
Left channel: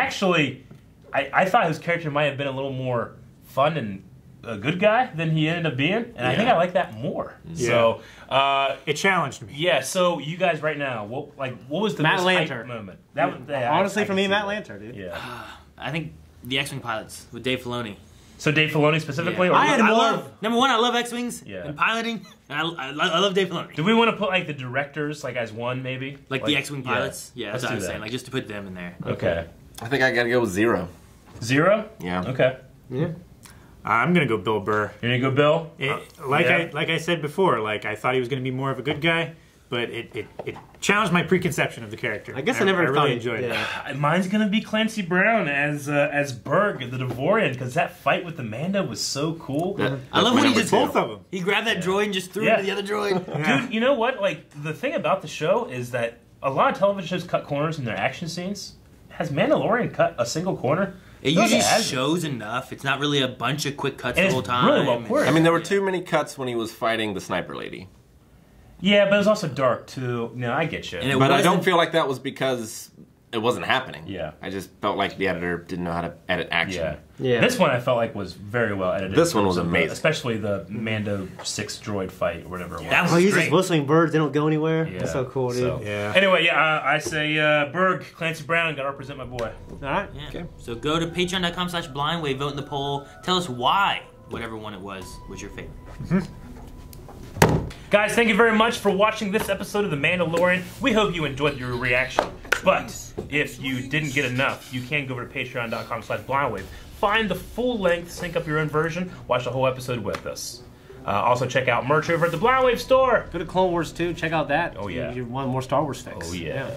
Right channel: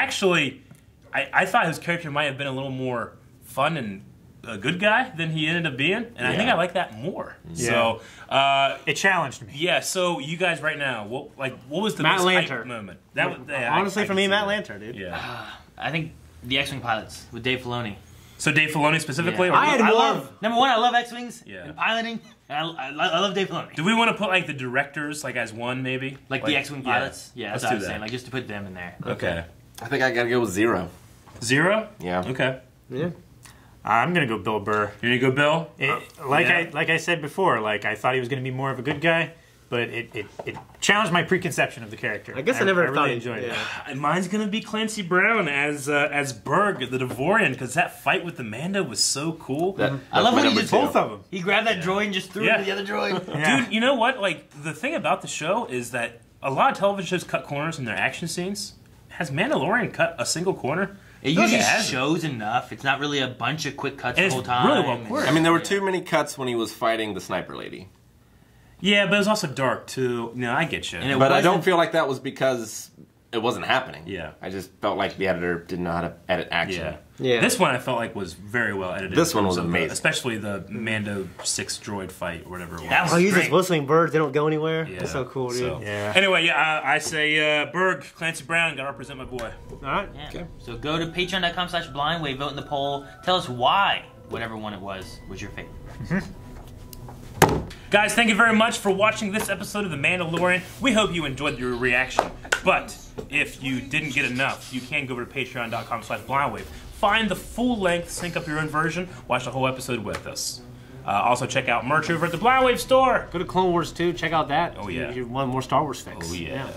I thought his character might have been a little more fun and a good guy than he ended up being, and I think I like that more. Yeah. So it challenged me. Yeah. So you guys right now, what was the Matt most Lanter hype moment? That was, honestly, for me, Matt Lanter, dude. Yeah. I think the X-Wing pilots with Dave Filoni. So Dave Filoni specifically? Yeah. Or I had more. Number one, I love X-Wings and piloting. And I love Dave Filoni. Do we want to put like the directors like as one maybe? Like the X-Wing pilots? Yeah, that's what I was saying. Like just to put them in there. Okay. I think I gotta go with 0. 0? Yeah. Okay. Yeah. I'm gonna go Bill Burr. You're gonna go Bill? Like I said before, like I thought he was gonna be more of a good guy, but it challenged my preconception of the character. I guess I never really enjoyed it. Mine's gonna be Clancy Brown as Berg, the Devorian, because that fight with the Mando was so cool. I love my when he number just 2. Both of them. He grabbed that droid and just threw it to the other droid. Dude, you know what? Like the thing about the show is that a lot of television shows cut corners in their action scenes. Has Mandalorian cut a single corner? It usually shows enough. It's not really a bunch of quick cuts the whole time. Really well choreographed. I mean, there were too many cuts when he was fighting the sniper lady. Yeah, but it was also dark too. No, I get you. But I don't feel like that was because it wasn't happening. Yeah. I just felt like the editor didn't know how to edit action. Yeah. This one I felt like was very well edited. This one was amazing. Especially the Mando 6 droid fight or whatever it was. Oh, he's just whistling birds. They don't go anywhere. Yeah. That's so cool, dude. So, anyway, I say Berg, Clancy Brown, gotta represent my boy. All right. Yeah. Okay. So go to patreon.com/blindwave, vote in the poll. Tell us why whatever one it was your favorite. Guys, thank you very much for watching this episode of The Mandalorian. We hope you enjoyed your reaction. But if you didn't get enough, you can go over to patreon.com/blindwave. Find the full length, sync up your own version, watch the whole episode with us. Also check out merch over at the Blindwave store. Go to Clone Wars 2. Check out that. Oh, yeah. You want more Star Wars fix. Oh, yeah.